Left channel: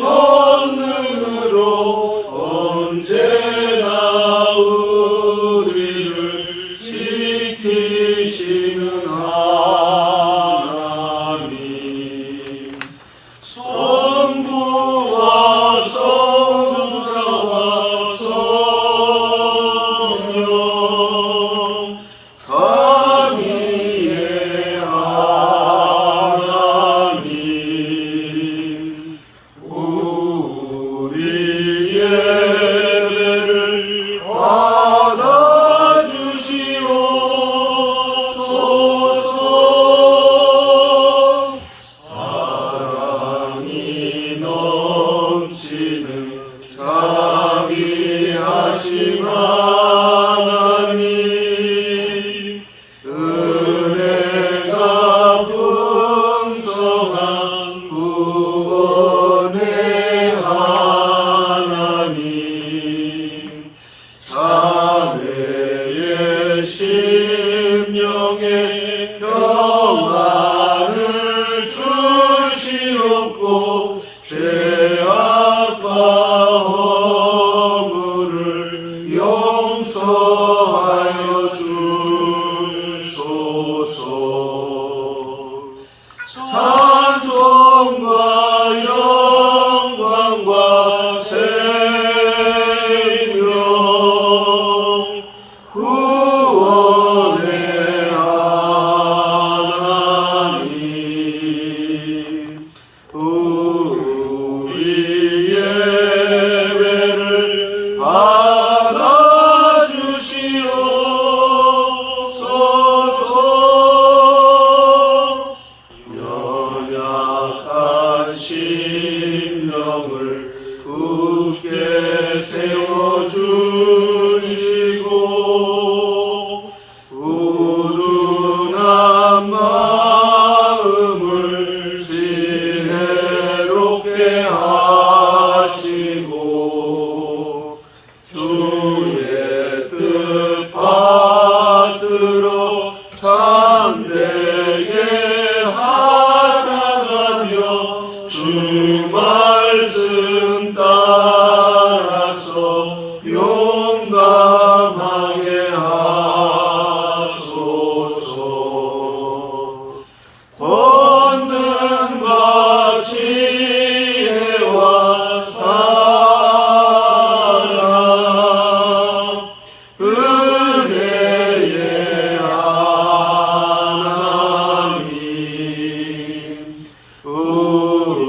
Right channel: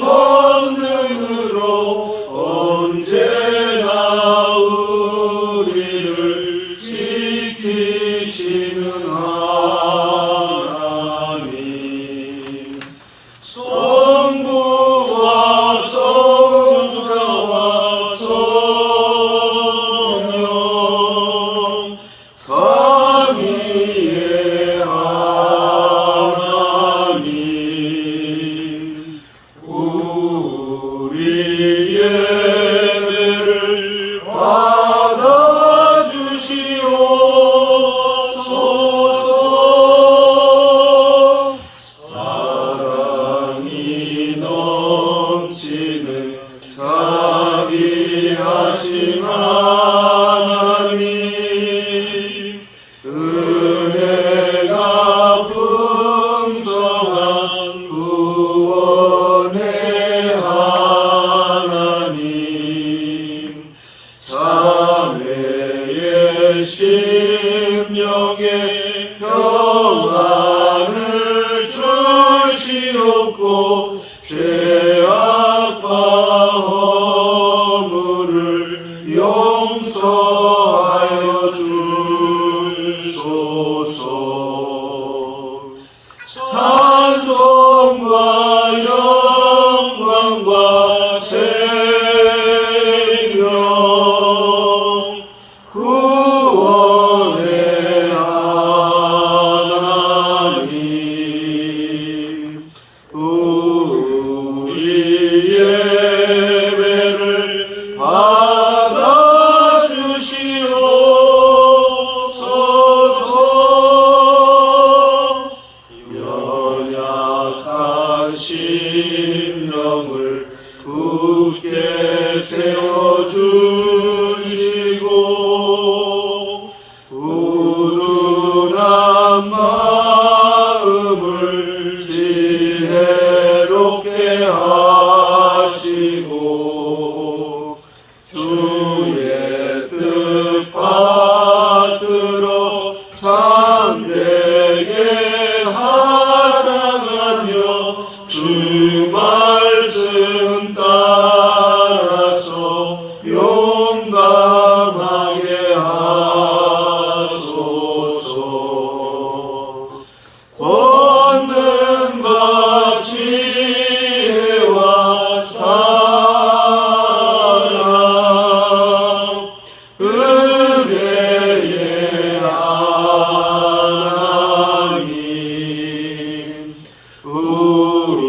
권능으로 언제나 우리를 지키시는 하나님, 성부와 성자와 성령 삼위의 하나님, 우리 예배를 받아주시옵소서. 사랑이 넘치는 자비하신 하나님, 은혜가 풍성한 구원의 하나님, 자매의 심령에 평안을 주시옵고 죄악과 허물을 용서하여 주소서. 찬송과 영광과 생명 구원의 하나님, 우리 예배를 받아주시옵소서. 연약한 심령을 굳게 세워주시고 우둔한 마음을 지혜롭게 하시고 주의 뜻 받들어 참되게 살아가며 주 말씀 따라서 용감하게 하소서. 권능과 지혜와 사랑, 은혜의 하나님, 우리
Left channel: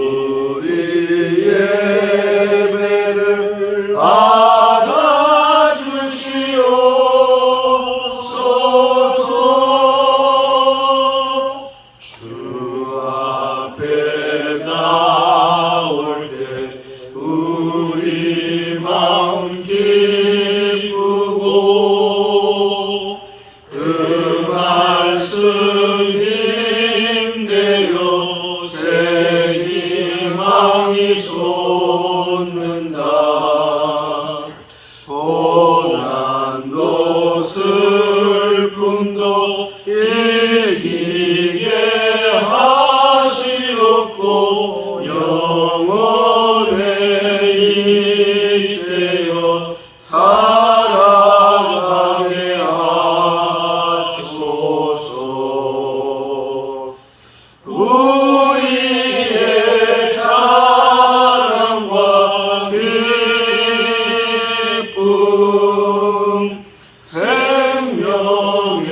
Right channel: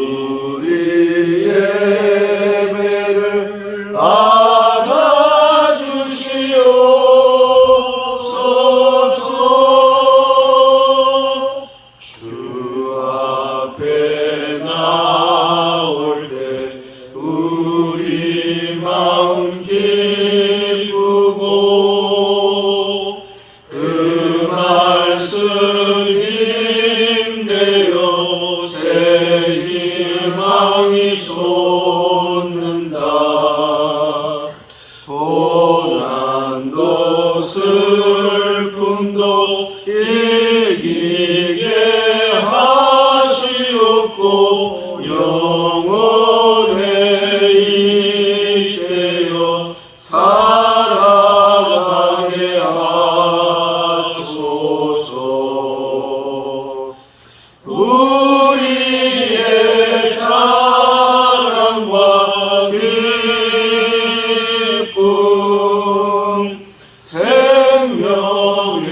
예배를 받아주시옵소서. 주 앞에 나올 때 우리 마음 기쁘고 그 말씀 힘내어 새 희망이 솟는다. 고난도 슬픔도 이기게 하시옵고 영원에 이때여 살아가게 하소서. 우리의 찬양과 기쁨, 생명의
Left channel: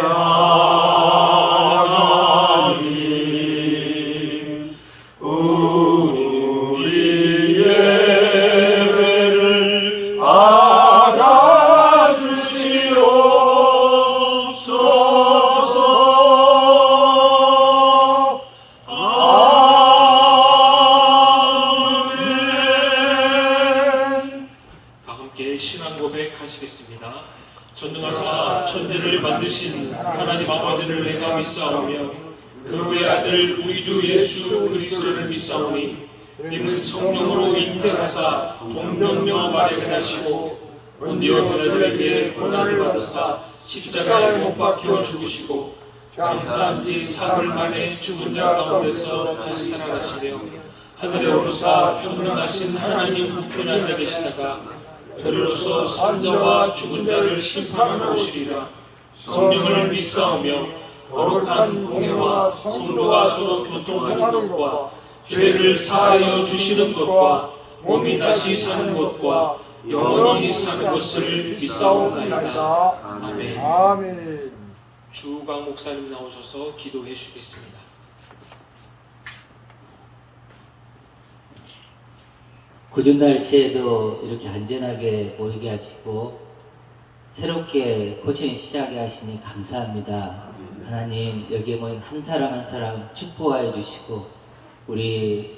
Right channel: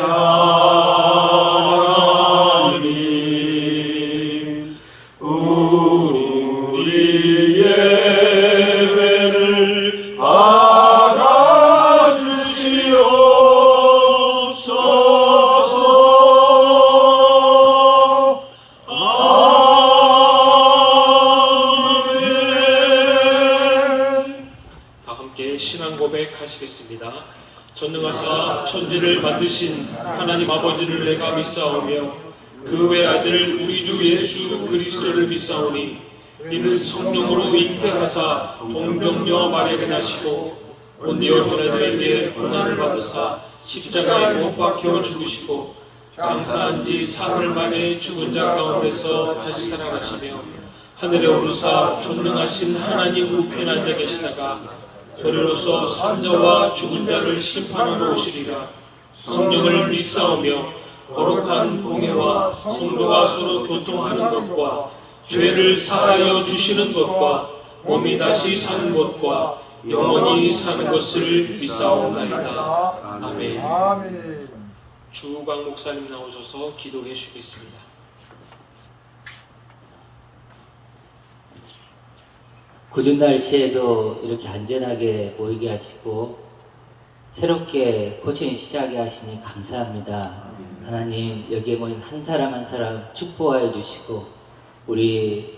하나님, 우리 예배를 받아주시옵소서. 아멘. 다 함께 신앙 고백하시겠습니다. 전능하사 천지를 만드신 하나님 아버지를 내가 믿사오며 그 외아들 우리 주 예수 그리스도를 믿사오니 이는 성령으로 잉태하사 동정녀 마리아를 낳으시고 본디오 빌라도에게 고난을 받으사 십자가에 못 박혀 죽으시고 장사한 지 사흘 만에 죽은 자 가운데서 다시 살아나시며 하늘에 오르사 전능하신 하나님 우편에 계시다가 저리로서 산자와 죽은 자를 심판하러 오시리라. 성령을 믿사오며 거룩한 공회와 성도가 서로 교통하는 것과 죄를 사하여 주시는 것과 몸이 다시 사는 것과 영원히 사는 것을 믿사옵나이다. 아멘. 아멘. 주우강 목사님 나오셔서 기도해 주시겠습니다. 굳은 날씨에도 이렇게 안전하게 모이게 하시고 새롭게 코칭 시작해 하시니 감사합니다. 하나님, 여기에 모인 한 사람 한 사람 축복하여 주시고 우리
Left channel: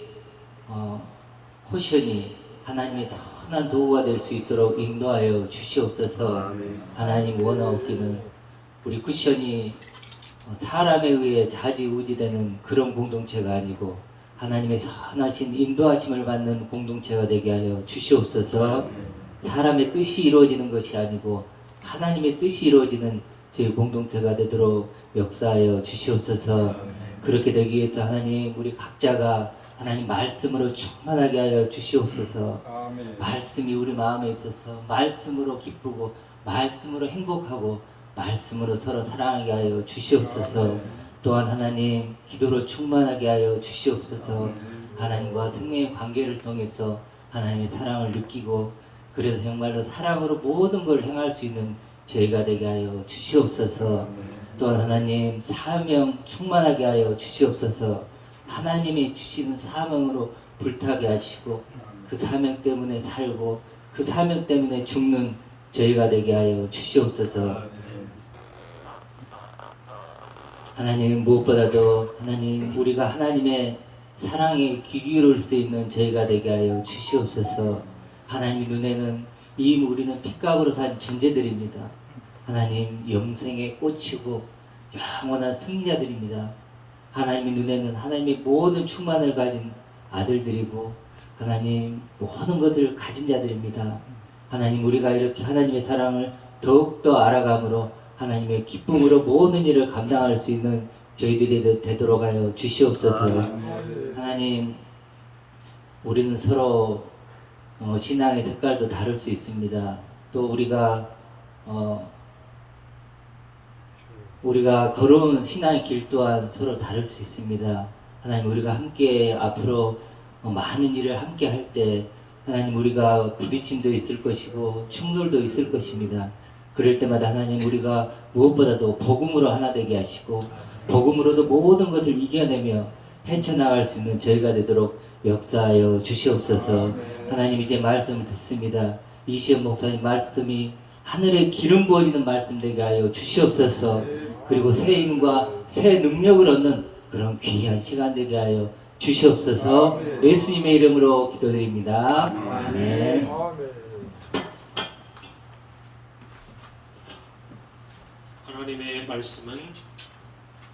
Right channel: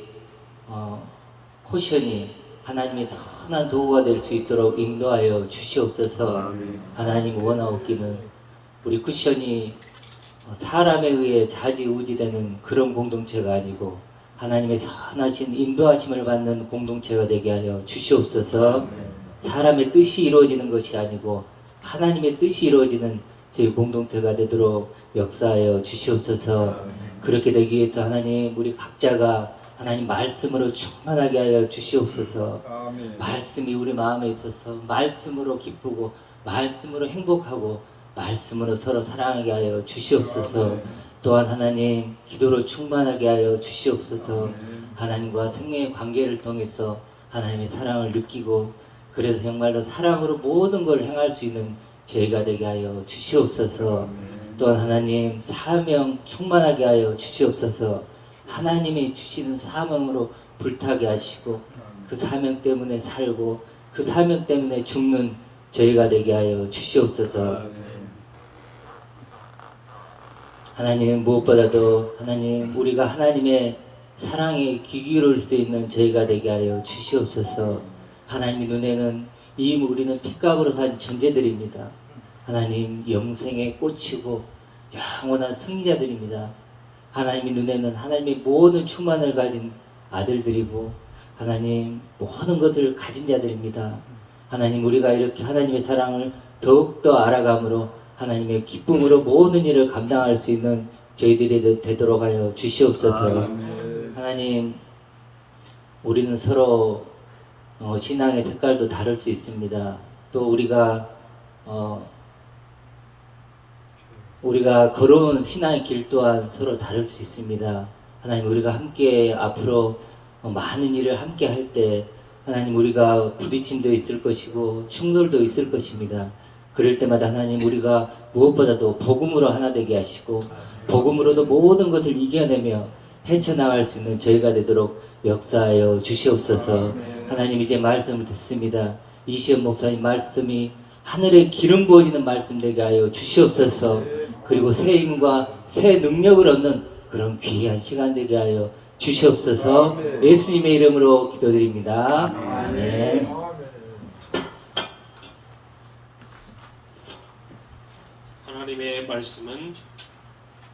코션이 하나님의 선한 도구가 될 수 있도록 인도하여 주시옵소서. 하나님 원하옵기는 우리 쿠션이 사람에 의해 좌지우지되는 그런 공동체가 아니고 하나님의 선하신 인도하심을 받는 공동체가 되게 하여 주시옵소서. 사람의 뜻이 이루어지는 것이 아니고 하나님의 뜻이 이루어지는 저희 공동체가 되도록 역사하여 주시옵소서. 그렇게 되기 위해서 하나님, 우리 각자가 하나님 말씀으로 충만하게 하여 주시옵소서. 아멘. 말씀이 우리 마음에 있어서 말씀으로 기쁘고 말씀으로 행복하고 말씀으로 서로 사랑하게 하여 주시옵소서. 또한 하나님, 기도로 충만하게 하여 주시옵소서. 하나님과 생명의 관계를 통해서 하나님의 사랑을 느끼고 그래서 정말로 사랑으로 모든 걸 행할 수 있는 저희가 되게 하여 주시옵소서. 또한 하나님, 사명 충만하게 하여 주시옵소서. 하나님이 주시는 사명으로 불타게 하시고 그 사명 때문에 살고 그 사명 때문에 죽는 저희가 되게 하여 주시옵소서. 하나님, 무엇보다도 하나님, 우리가 하나님의 사랑에 귀 기울일 수 있는 저희가 되게 하여 주시옵소서. 하나님 눈에는 이미 우리는 핏값으로 산 존재들입니다. 하나님, 영생의 꽃이고 영원한 승리자들입니다. 하나님의 눈에는 하나님의 모든 충만을 가진 아들들이고 하나님 모든 것을 가진 자들입니다. 하나님, 우리가 이렇게 하나님의 사랑을 더욱더 알아감으로 하나님의 기쁨으로 모든 일을 감당할 수 있는 저희들이 되도록 하여 주시옵소서. 하나님, 우리는 서로 신앙의 색깔도 다를 수 있습니다. 또 우리가 걸어온 신앙의 길 또한 서로 다를 수 있습니다. 하나님, 우리가 함께 앞으로 많은 일을 함께 할 때 하나님, 우리가 부딪힘도 있을 것이고 충돌도 있을 것입니다. 그럴 때마다 하나님, 우리가 무엇보다도 복음으로 하나 되게 하시고 복음으로도 모든 것을 이겨내며 헤쳐나갈 수 있는 저희가 되도록 역사하여 주시옵소서. 하나님, 이제 말씀을 듣습니다. 이시연 목사님 말씀이 하늘에 기름 부어지는 말씀 되게 하여 주시옵소서. 그리고 새 힘과 새 능력을 얻는 그런 귀한 시간 되게 하여 주시옵소서. 예수님의 이름으로 기도드립니다. 아멘. 하나님의 말씀은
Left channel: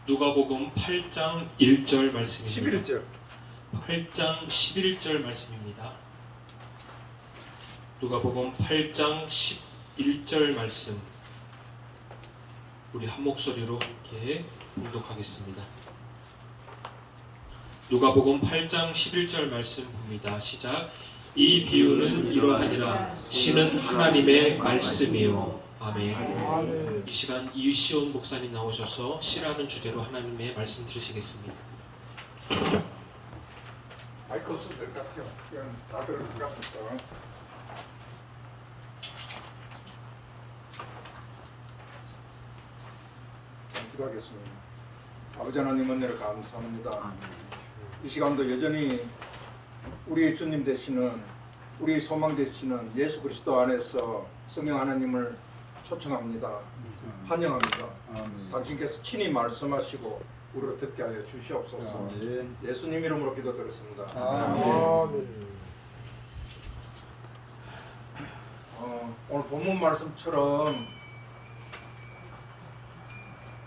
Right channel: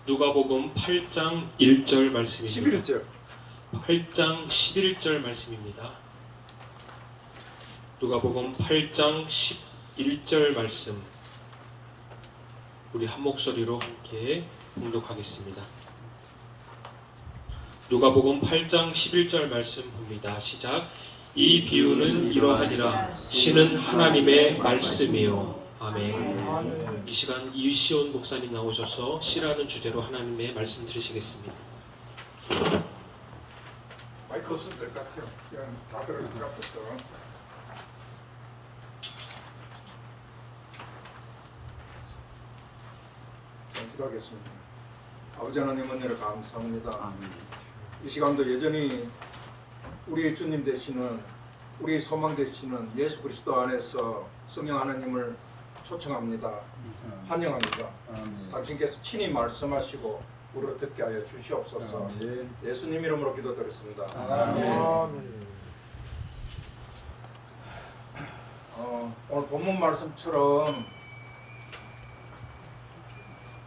누가복음 8장 1절 말씀입니다. 11절. 8장 11절 말씀입니다. 누가복음 8장 11절 말씀, 우리 한 목소리로 함께 봉독하겠습니다. 누가복음 8장 11절 말씀 봅니다. 시작. 이 비유는 이러하니라. 시는 하나님의 말씀이요. 아멘. 이 시간 이시온 목사님 나오셔서 시라는 주제로 하나님의 말씀 들으시겠습니다. 마이크 없어도 될 것 같아요. 그냥 다 들을 것 같았어. 기도하겠습니다. 아버지 하나님, 은혜를 감사합니다. 이 시간도 여전히 우리 주님 되시는, 우리 소망 되시는 예수 그리스도 안에서 성령 하나님을 초청합니다. 환영합니다. 당신께서 친히 말씀하시고 우리로 듣게 하여 주시옵소서. 예수님 이름으로 기도드렸습니다. 오늘 본문 말씀처럼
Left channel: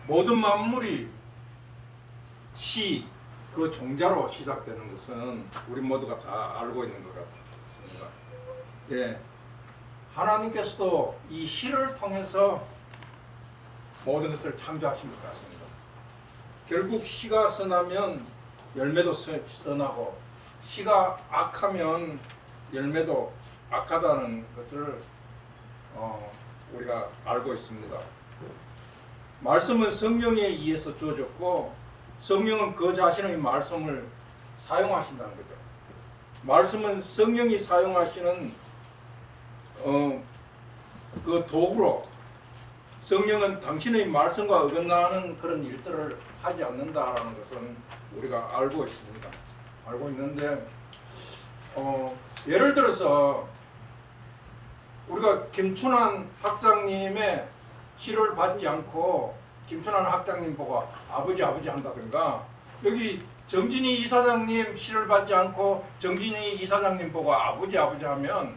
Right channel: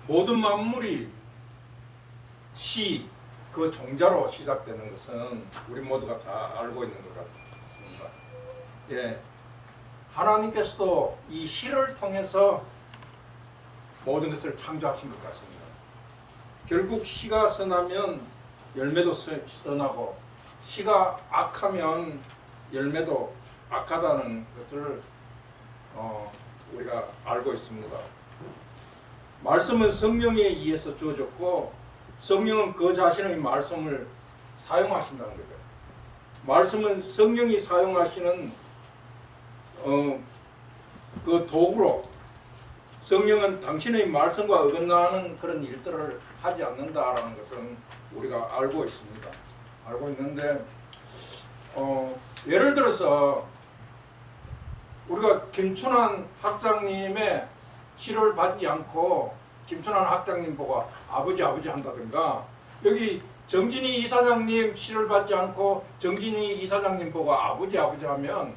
모든 만물이 시, 그 종자로 시작되는 것은 우리 모두가 다 알고 있는 것 같습니다. 예, 하나님께서도 이 시를 통해서 모든 것을 창조하신 것 같습니다. 결국 시가 선하면 열매도 선하고 씨가 악하면 열매도 악하다는 것을 우리가 알고 있습니다. 말씀은 성령에 의해서 주어졌고 성령은 그 자신의 말씀을 사용하신다는 거죠. 말씀은 성령이 사용하시는 그 도구로, 성령은 당신의 말씀과 어긋나는 그런 일들을 하지 않는다라는 것은 우리가 알고 있습니다. 알고 있는데 예를 들어서 우리가 김춘환 학장님의 시를 받지 않고 김춘환 학장님 보고 아버지 한다든가, 여기 정진희 이사장님 시를 받지 않고 정진희 이사장님 보고 아버지 하면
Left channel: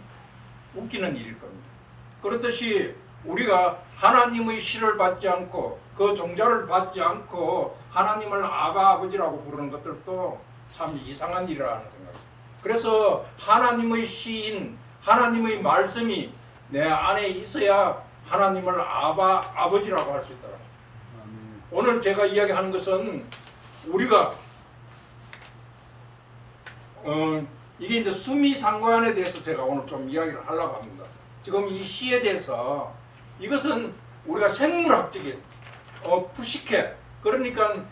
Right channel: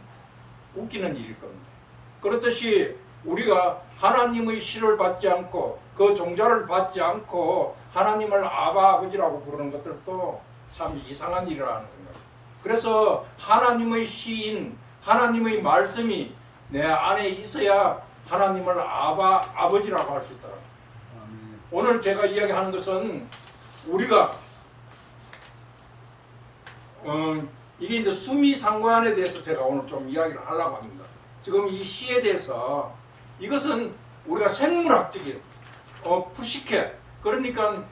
웃기는 일일 겁니다. 그렇듯이 우리가 하나님의 시를 받지 않고 그 종자를 받지 않고 하나님을 아버지라고 부르는 것들도 참 이상한 일이라는 생각입니다. 그래서 하나님의 시인 하나님의 말씀이 내 안에 있어야 하나님을 아버지라고 할 수 있다. 오늘 제가 이야기하는 것은 우리가 이게 이제 수미상관에 대해서 제가 오늘 좀 이야기를 하려고 합니다. 지금 이 시에 대해서 이것은 우리가 생물학적인 푸시케, 그러니까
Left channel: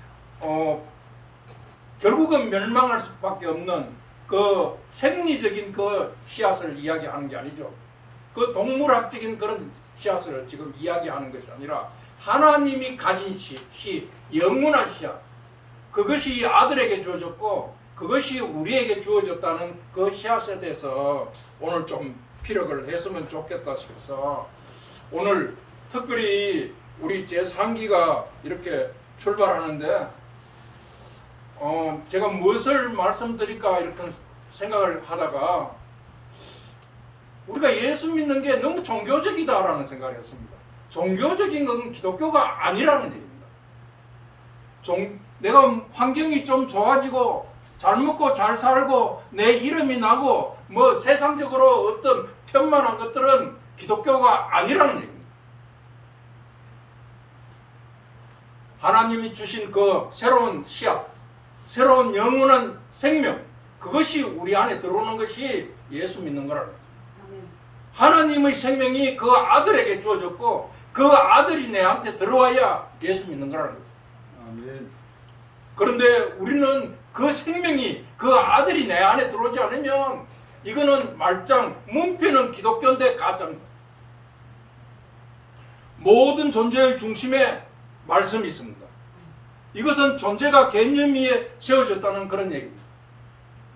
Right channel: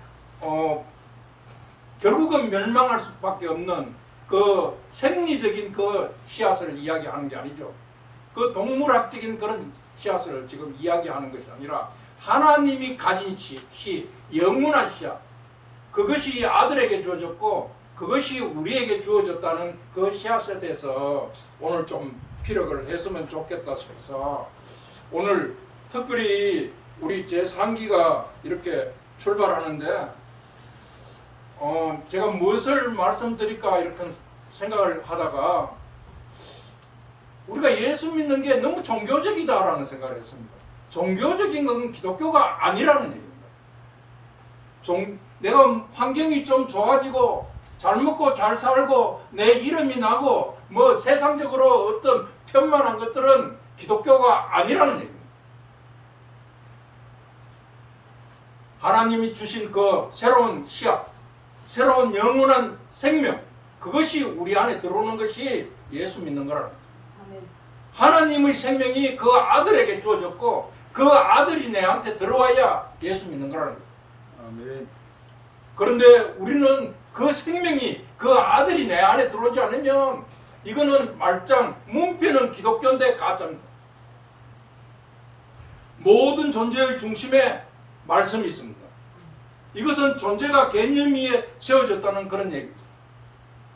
결국은 멸망할 수밖에 없는 그 생리적인 그 씨앗을 이야기하는 게 아니죠. 그 동물학적인 그런 씨앗을 지금 이야기하는 것이 아니라 하나님이 가진 씨, 영원한 씨앗, 그것이 아들에게 주어졌고 그것이 우리에게 주어졌다는 그 씨앗에 대해서 오늘 좀 피력을 했으면 좋겠다 싶어서 오늘 특별히 우리 제3기가 이렇게 출발하는데 제가 무엇을 말씀드릴까 이렇게 생각을 하다가 우리가 예수 믿는 게 너무 종교적이다라는 생각을 했습니다. 종교적인 건 기독교가 아니라는 얘기입니다. 내가 환경이 좀 좋아지고 잘 먹고 잘 살고 내 이름이 나고 뭐 세상적으로 어떤 편만한 것들은 기독교가 아니라는 얘기입니다. 하나님이 주신 그 새로운 씨앗, 새로운 영원한 생명, 그것이 우리 안에 들어오는 것이 예수 믿는 거라는 거예요. 하나님의 생명이 그 아들에게 주어졌고 그 아들이 내한테 들어와야 예수 믿는 거라는 거예요. 아멘. 그런데 우리는 그 생명이 그 아들이 내 안에 들어오지 않으면 이거는 말짱, 문패는 기독교인데 가짜입니다. 모든 존재의 중심에 말씀이 있습니다. 이것은 존재가 개념 위에 세워졌다는 그런 얘기입니다.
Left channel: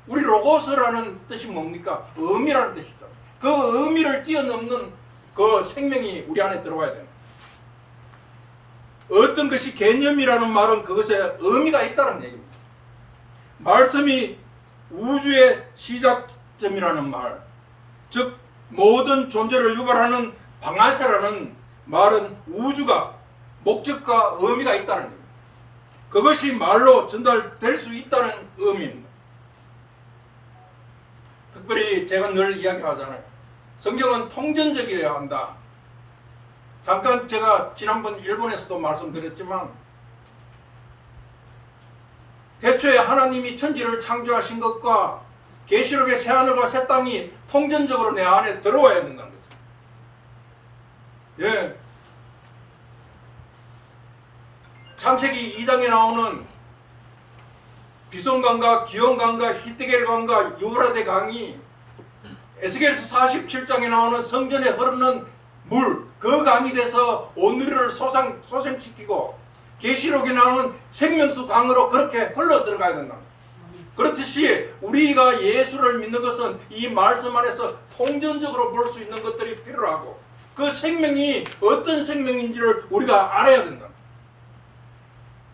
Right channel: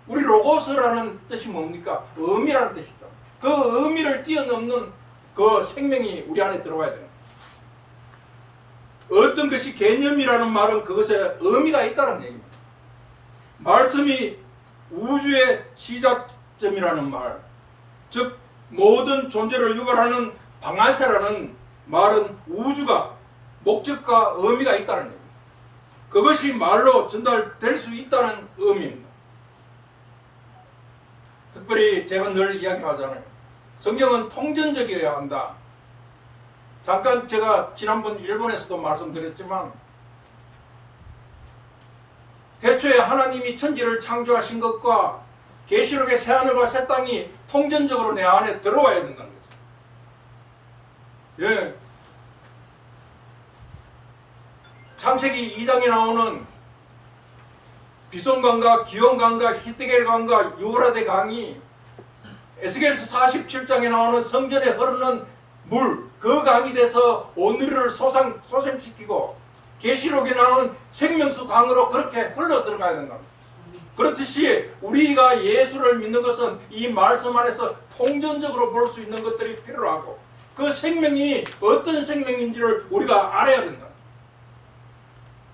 우리 로고스라는 뜻이 뭡니까? 의미라는 뜻이죠. 그 의미를 뛰어넘는 그 생명이 우리 안에 들어와야 되는 거예요. 어떤 것이 개념이라는 말은 그것에 의미가 있다는 얘기입니다. 말씀이 우주의 시작점이라는 말, 즉 모든 존재를 유발하는 방아쇠라는 말은 우주가 목적과 의미가 있다는 얘기입니다. 그것이 말로 전달될 수 있다는 의미입니다. 특별히 제가 늘 이야기하잖아요. 성경은 통전적이어야 한다. 잠깐 제가 지난번 일본에서도 말씀드렸지만 대초에 하나님이 천지를 창조하신 것과 계시록의 새하늘과 새 땅이 통전적으로 내 안에 들어와야 된다는 거죠. 예. 창세기 2장에 나오는 비손강과 기온강과 히데겔강과 유브라데 강이 에스겔서 47장에 나오는 성전에 흐르는 물, 그 강이 돼서 오늘을 소생시키고 계시록에 나오는 생명수 강으로 그렇게 흘러 들어가야 된다. 그렇듯이 우리가 예수를 믿는 것은 이 말씀 안에서 통전적으로 볼 수 있는 것들이 필요하고 그 생명이 어떤 생명인지를 우리가 알아야 된다.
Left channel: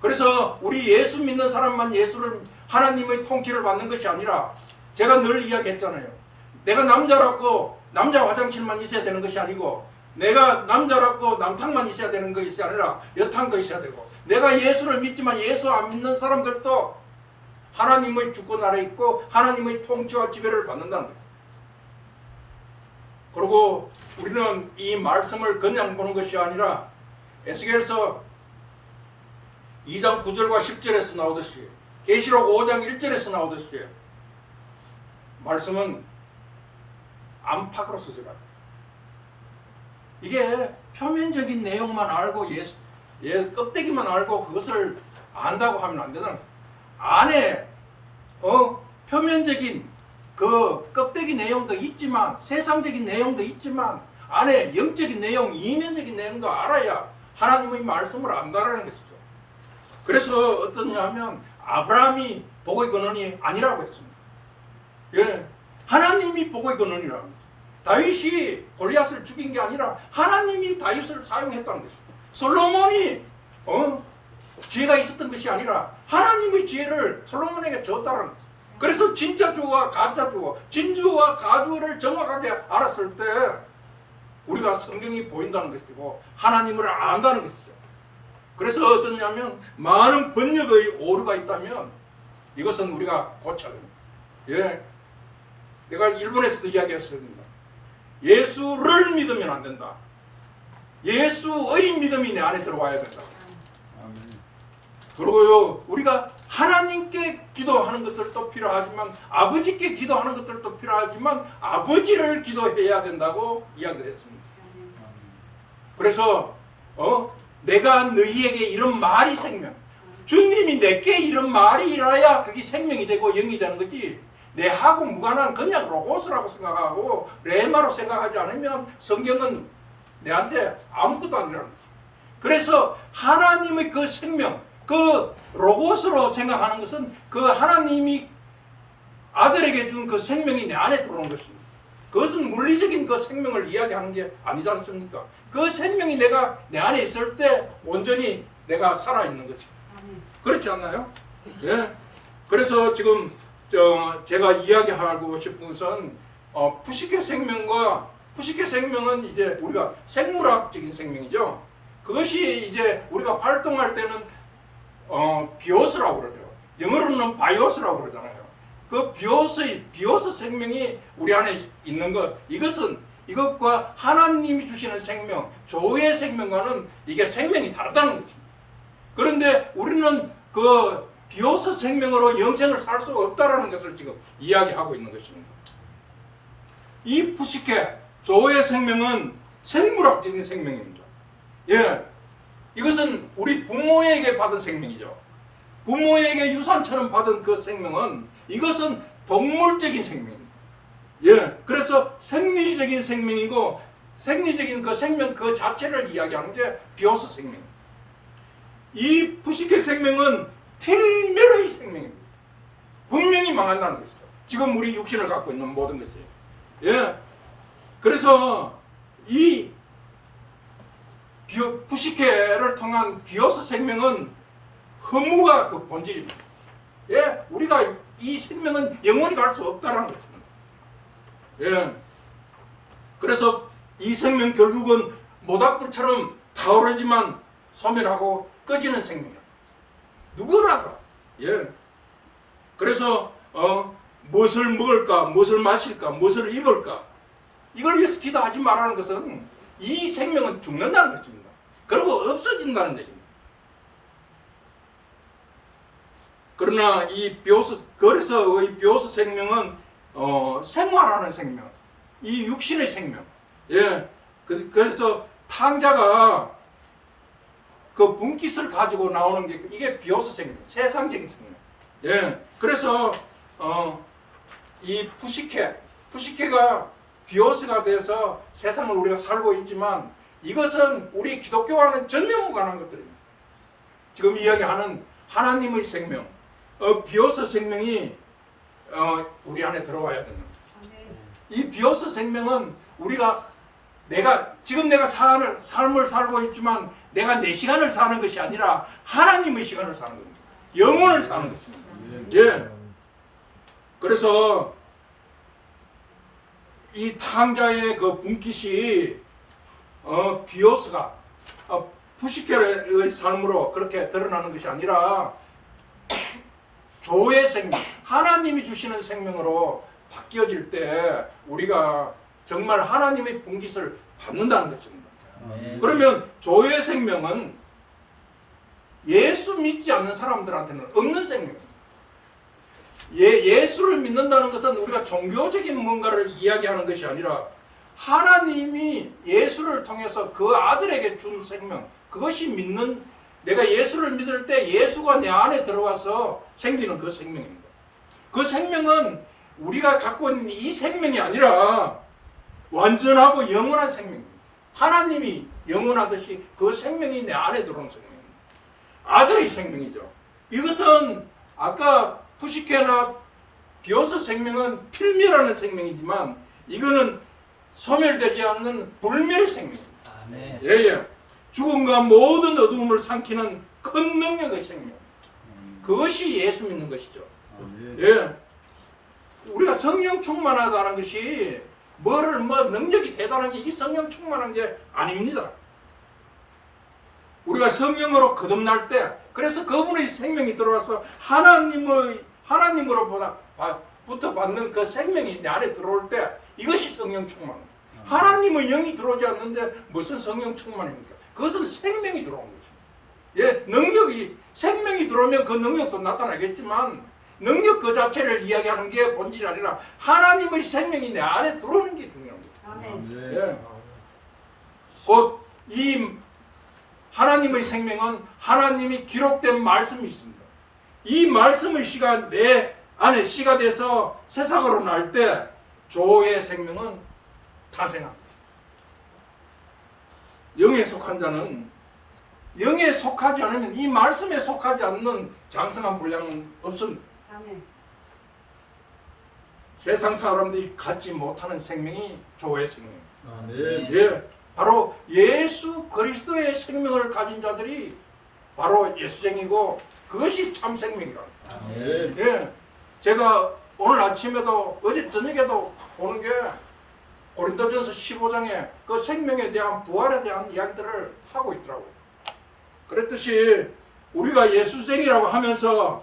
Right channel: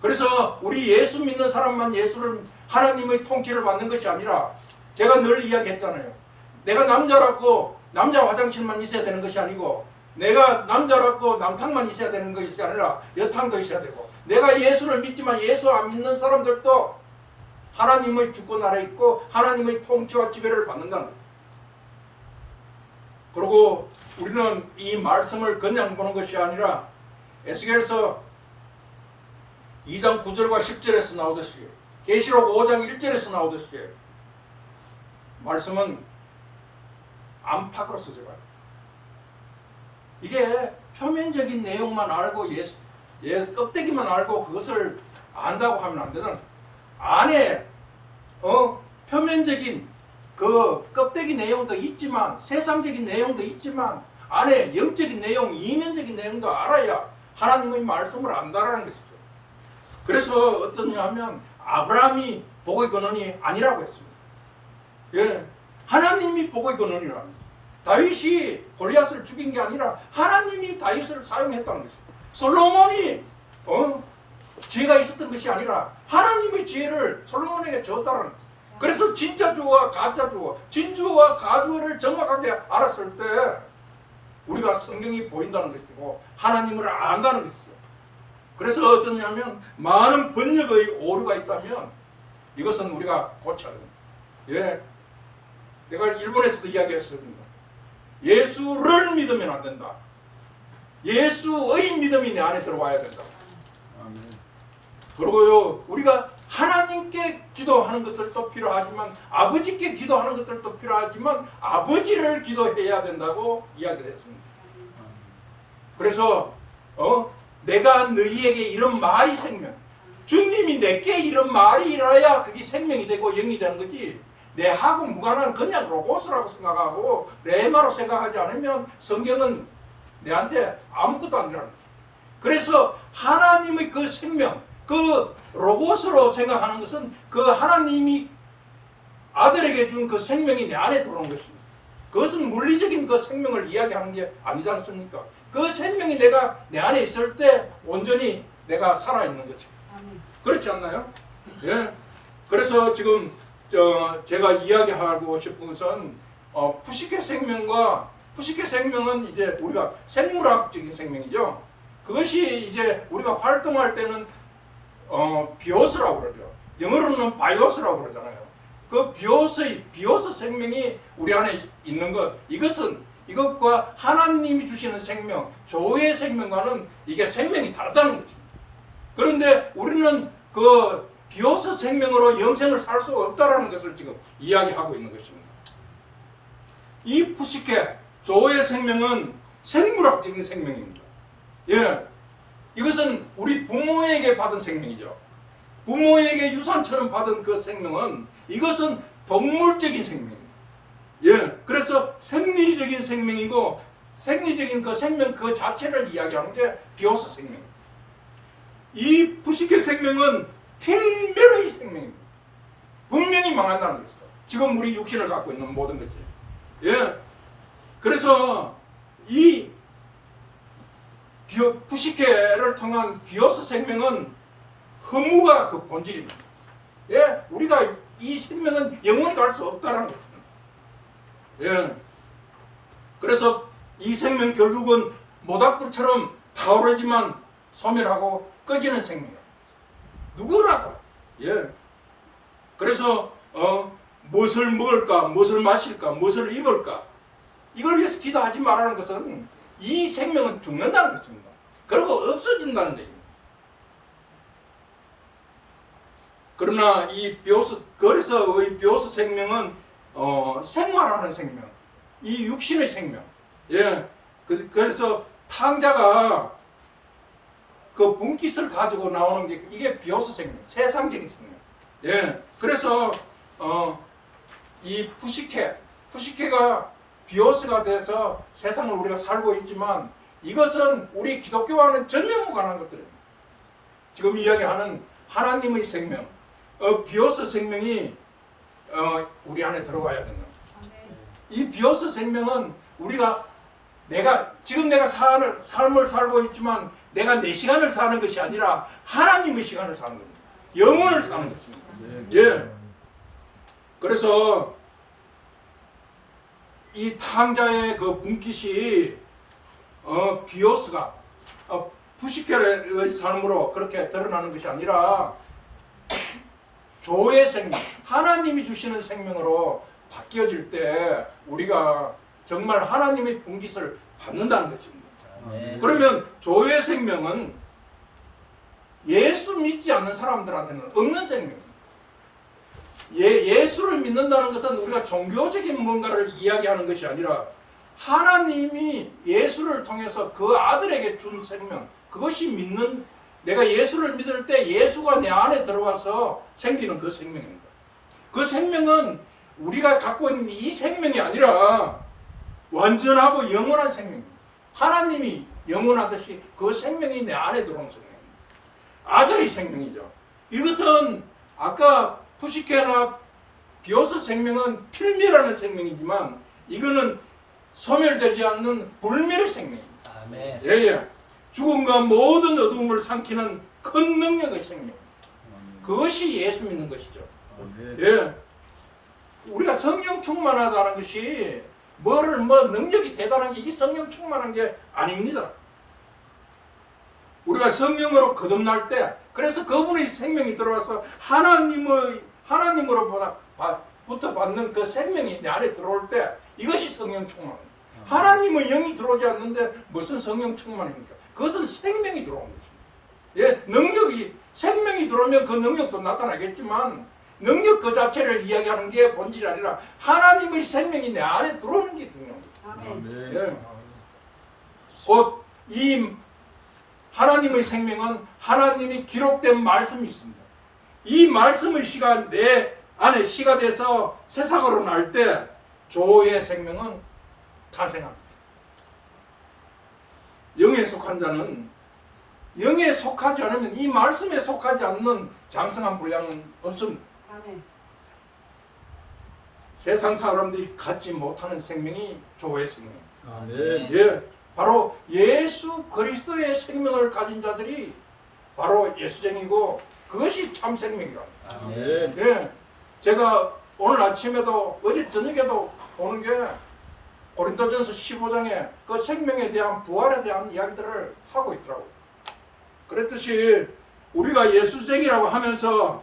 그래서 우리 예수 믿는 사람만 예수를 하나님의 통치를 받는 것이 아니라 제가 늘 이야기했잖아요. 내가 남자라고 남자 화장실만 있어야 되는 것이 아니고 내가 남자라고 남탕만 있어야 되는 것이 아니라 여탕도 있어야 되고 내가 예수를 믿지만 예수 안 믿는 사람들도 하나님의 주권 아래 있고 하나님의 통치와 지배를 받는다는 거예요. 그리고 우리는 이 말씀을 그냥 보는 것이 아니라 에스겔서 2장 9절과 10절에서 나오듯이 계시록 5장 1절에서 나오듯이 말씀은 안팎으로 서져가요. 이게 표면적인 내용만 알고 껍데기만 알고 그것을 안다고 하면 안 되는, 안에 표면적인 그 껍데기 내용도 있지만, 세상적인 내용도 있지만, 안에 영적인 내용, 이면적인 내용도 알아야 하나님의 말씀을 안다라는 것이죠. 그래서 어떠냐 하면 아브라함이 복의 근원이 아니라고 했습니다. 예, 하나님이 복의 근원이라. 다윗이 골리앗을 죽인 게 아니라 하나님이 다윗을 사용했다는 것이죠. 솔로몬이 지혜가 있었던 것이 아니라 하나님의 지혜를 솔로몬에게 줬다는 것이죠. 그래서 진짜 주와 가짜 주, 진주와 가주를 정확하게 알았을 때 우리가 성경이 보인다는 것이고 하나님을 안다는 것이죠. 그래서 어떠냐면 많은 번역의 오류가 있다면 이것은 우리가 고쳐야 됩니다. 예, 내가 일본에서도 이야기했습니다. 예수를 믿으면 안 된다. 예수의 믿음이 내 안에 들어와야 된다. 아멘. 그리고요, 우리가 하나님께 기도하는 것들도 필요하지만 아버지께 기도하는 것들도 필요하지만 아버지를 기도해야 된다고 이야기를 했습니다. 그래서 내가 너희에게 이런 말이 생명, 주님이 내게 이런 말이 일어야 그게 생명이 되고 영이 되는 거지, 내하고 무관한 그냥 로고스라고 생각하고 레마로 생각하지 않으면 성경은 내한테 아무것도 아니라는 거지. 그래서 하나님의 그 생명, 그 로고스로 생각하는 것은 그 하나님이 아들에게 준 그 생명이 내 안에 들어오는 것입니다. 그것은 물리적인 그 생명을 이야기하는 게 아니지 않습니까? 그 생명이 내가 내 안에 있을 때 온전히 내가 살아있는 거죠. 그렇지 않나요? 예. 그래서 지금 제가 이야기하고 싶은 것은 푸시케 생명과, 푸시케 생명은 이제 우리가 생물학적인 생명이죠. 그것이 이제 우리가 활동할 때는 비오스라고 그러죠. 영어로는 바이오스라고 그러잖아요. 그 비오스 생명이 우리 안에 있는 것, 이것과 하나님이 주시는 생명, 조의 생명과는 이게 생명이 다르다는 거죠. 그런데 우리는 그 비오스 생명으로 영생을 살 수 없다라는 것을 지금 이야기하고 있는 것입니다. 이 푸시케, 조의 생명은 생물학적인 생명입니다. 예, 이것은 우리 부모에게 받은 생명이죠. 부모에게 유산처럼 받은 그 생명은, 이것은 동물적인 생명입니다. 예, 그래서 생리적인 생명이고, 생리적인 그 생명 그 자체를 이야기하는 게 비오스 생명입니다. 이 푸시케 생명은 필멸의 생명입니다. 분명히 망한다는 것이죠. 지금 우리 육신을 갖고 있는 모든 것이. 예, 그래서 이 푸시케를 통한 비오스 생명은 허무가 그 본질입니다. 예, 우리가 이 생명은 영원히 갈 수 없다는 것입니다. 예, 그래서 이 생명 결국은 모닥불처럼 타오르지만 소멸하고 꺼지는 생명이야. 누구라도. 예, 그래서 무엇을 먹을까, 무엇을 마실까, 무엇을 입을까, 이걸 위해서 기도하지 말라는 것은 이 생명은 죽는다는 것입니다. 그리고 없어진다는 얘기입니다. 그러나 이 그래서 이 비오스 생명은 생활하는 생명, 이 육신의 생명. 예, 그래서 탕자가 그 분깃을 가지고 나오는 게 이게 비오스 생명, 세상적인 생명. 예, 그래서 이 푸시케가 비오스가 돼서 세상을 우리가 살고 있지만 이것은 우리 기독교와는 전혀 무관한 것들입니다. 지금 이야기하는 하나님의 생명, 비오스 생명이 우리 안에 들어와야 된다. 이 비오스 생명은 우리가 지금 내가 삶을 살고 있지만 내가 내 시간을 사는 것이 아니라 하나님의 시간을 사는 겁니다. 영혼을 사는 것입니다. 예. 그래서 이 탕자의 그 분깃이 비오스가 푸시케의 삶으로 그렇게 드러나는 것이 아니라 조의 생명, 하나님이 주시는 생명으로 바뀌어질 때 우리가 정말 하나님의 분깃을 받는다는 것입니다. 그러면 조의 생명은 예수 믿지 않는 사람들한테는 없는 생명입니다. 예수를 믿는다는 것은 우리가 종교적인 뭔가를 이야기하는 것이 아니라 하나님이 예수를 통해서 그 아들에게 준 생명, 그것이 믿는, 내가 예수를 믿을 때 예수가 내 안에 들어와서 생기는 그 생명입니다. 그 생명은 우리가 갖고 있는 이 생명이 아니라 완전하고 영원한 생명입니다. 하나님이 영원하듯이 그 생명이 내 안에 들어오는 생명입니다. 아들의 생명이죠. 이것은 아까 푸시케나 비오스 생명은 필멸하는 생명이지만 이거는 소멸되지 않는 불멸의 생명입니다. 아멘. 예. 죽음과 모든 어두움을 삼키는 큰 능력의 생명. 그것이 예수 믿는 것이죠. 예. 우리가 성령 충만하다는 것이 능력이 대단한 게 이 성령 충만한 게 아닙니다. 우리가 성령으로 거듭날 때, 그래서 그분의 생명이 들어와서 하나님으로부터 받는 그 생명이 내 안에 들어올 때 이것이 성령 충만입니다. 하나님의 영이 들어오지 않는데 무슨 성령 충만입니까? 그것은 생명이 들어온 것입니다. 예, 생명이 들어오면 그 능력도 나타나겠지만 능력 그 자체를 이야기하는 게 본질이 아니라 하나님의 생명이 내 안에 들어오는 게 중요한 거죠. 아멘. 예. 곧 이 하나님의 생명은 하나님이 기록된 말씀이 있습니다. 이 말씀의 시가 내 안에 시가 돼서 세상으로 날 때 조의 생명은 탄생합니다. 영에 속한 자는 영에 속하지 않으면 이 말씀에 속하지 않는 장성한 분량은 없습니다. 아멘. 세상 사람들이 갖지 못하는 생명이 조의 생명입니다. 아멘. 예, 바로 예수 그리스도의 생명을 가진 자들이 바로 예수쟁이고 그것이 참 생명이라. 아멘. 예, 제가 오늘 아침에도 어제 저녁에도 보는 게 고린도전서 15장에 그 생명에 대한 부활에 대한 이야기들을 하고 있더라고요. 그랬듯이 우리가 예수쟁이라고 하면서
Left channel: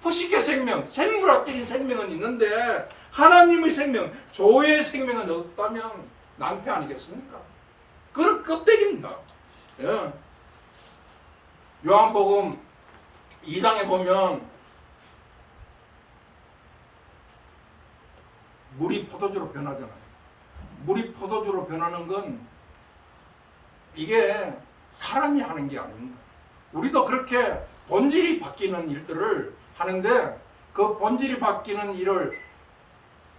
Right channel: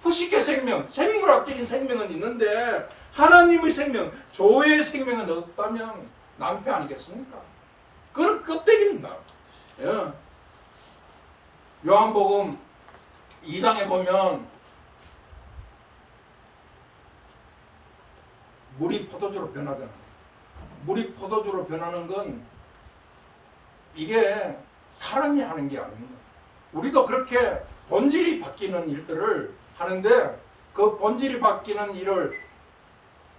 푸시케 생명, 생물학적인 생명은 있는데 하나님의 생명, 조의 생명은 없다면 낭패 아니겠습니까? 그건 껍데기입니다. 예. 요한복음 2장에 보면 물이 포도주로 변하잖아요. 물이 포도주로 변하는 건 이게 사람이 하는 게 아닙니다. 우리도 그렇게 본질이 바뀌는 일들을 하는데 그 본질이 바뀌는 일을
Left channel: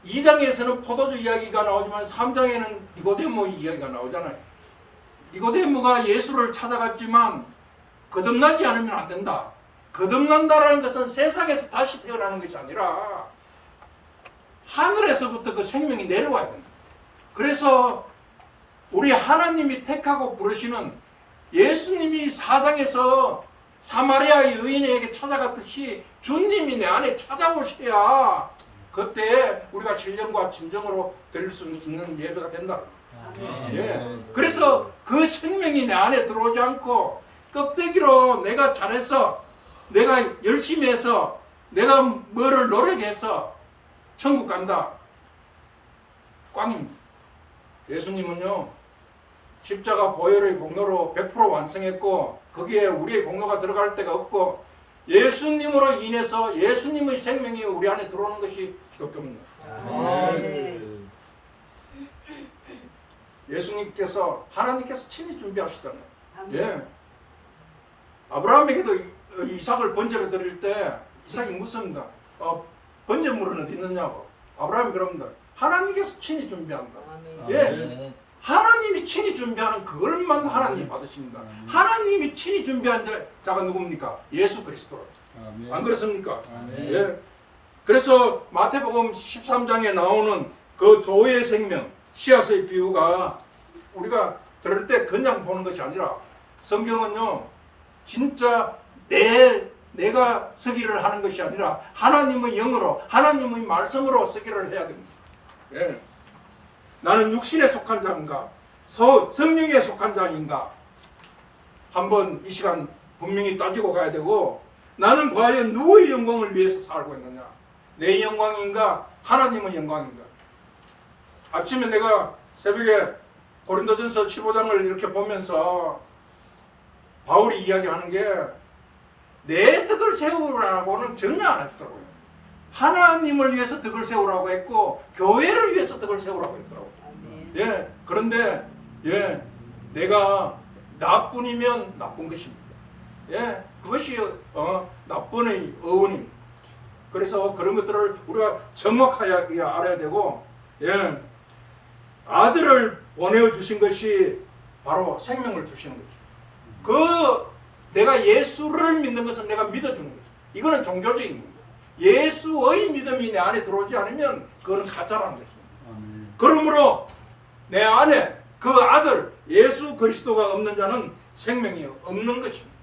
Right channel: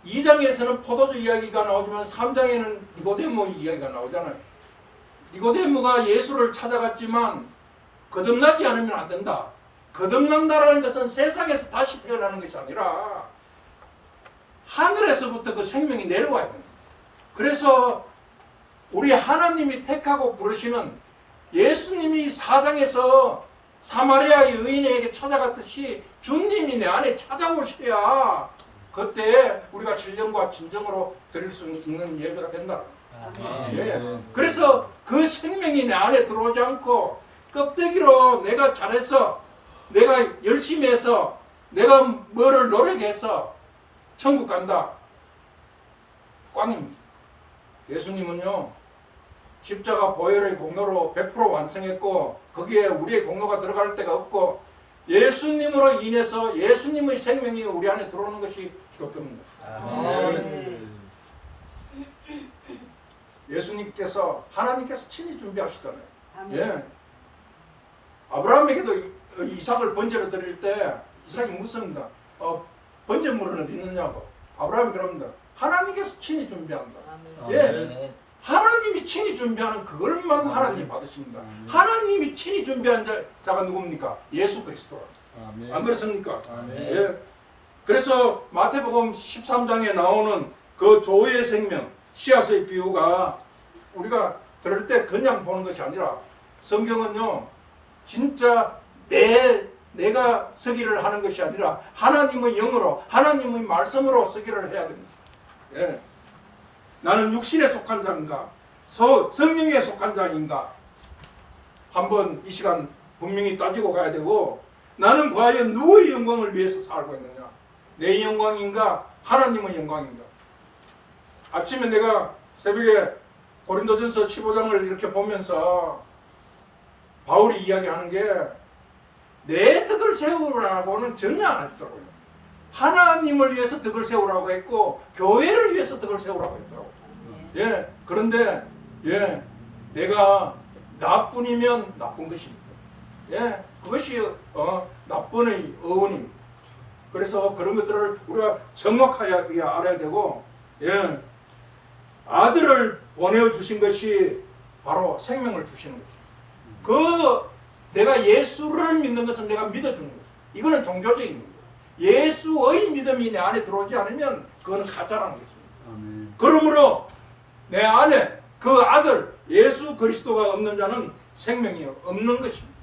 2장에서는 포도주 이야기가 나오지만 3장에는 니고데모 이야기가 나오잖아요. 니고데모가 예수를 찾아갔지만 거듭나지 않으면 안 된다. 거듭난다라는 것은 세상에서 다시 태어나는 것이 아니라 하늘에서부터 그 생명이 내려와야 된다. 그래서 우리 하나님이 택하고 부르시는 예수님이 4장에서 사마리아의 의인에게 찾아갔듯이 주님이 내 안에 찾아오셔야 그때 우리가 신령과 진정으로 드릴 수 있는 예배가 된다. 예. 그래서 그 생명이 내 안에 들어오지 않고 껍데기로 내가 잘해서 내가 열심히 해서 내가 뭐를 노력해서 천국 간다. 꽝입니다. 예수님은요 십자가 보혈의 공로로 100% 완성했고 거기에 우리의 공로가 들어갈 데가 없고 예수님으로 인해서 예수님의 생명이 우리 안에 들어오는 것이 기독교입니다. 아멘. 예수님께서 하나님께서 친히 준비하시잖아요. 아멘. 예. 아브라함에게도 이삭을 번제로 드릴 때 이삭이 묻습니다. 번제물은 어디 있느냐고. 아브라함이 그럽니다. 하나님께서 친히 준비한다. 예. 아멘. 하나님이 친히 준비하는 그걸만 하나님 받으십니다. 하나님이 친히 준비한 자가 누굽니까? 예수 그리스도. 안 그렇습니까? 예. 그래서 마태복음 13장에 나오는 그 조의 생명, 씨앗의 비유가 우리가 들을 때 그냥 보는 것이 아니라 성경은요, 진짜 내가 서기를 하는 것이 아니라 하나님의 영으로, 하나님의 말씀으로 서기를 해야 됩니다. 예. 나는 육신에 속한 자인가? 성령에 속한 자인가? 한번 이 시간 분명히 따지고 가야 되고, 나는 과연 누구의 영광을 위해서 살고 있느냐? 내 영광인가? 하나님의 영광인가? 아침에 내가 새벽에 고린도전서 15장을 이렇게 보면서 바울이 이야기하는 게 내 뜻을 세우라고는 전혀 안 했더라고요. 하나님을 위해서 덕을 세우라고 했고 교회를 위해서 덕을 세우라고 했더라고. 예, 그런데 내가 나뿐이면 나쁜 것입니다. 예, 그것이 나쁜의 어원입니다. 그래서 그런 것들을 우리가 정확하게 알아야 되고, 아들을 보내주신 것이 바로 생명을 주시는 거죠. 내가 예수를 믿는 것은 내가 믿어주는 거죠. 이거는 종교적인 겁니다. 예수의 믿음이 내 안에 들어오지 않으면 그거는 가짜라는 것입니다. 아멘. 그러므로 내 안에 그 아들 예수 그리스도가 없는 자는 생명이 없는 것입니다.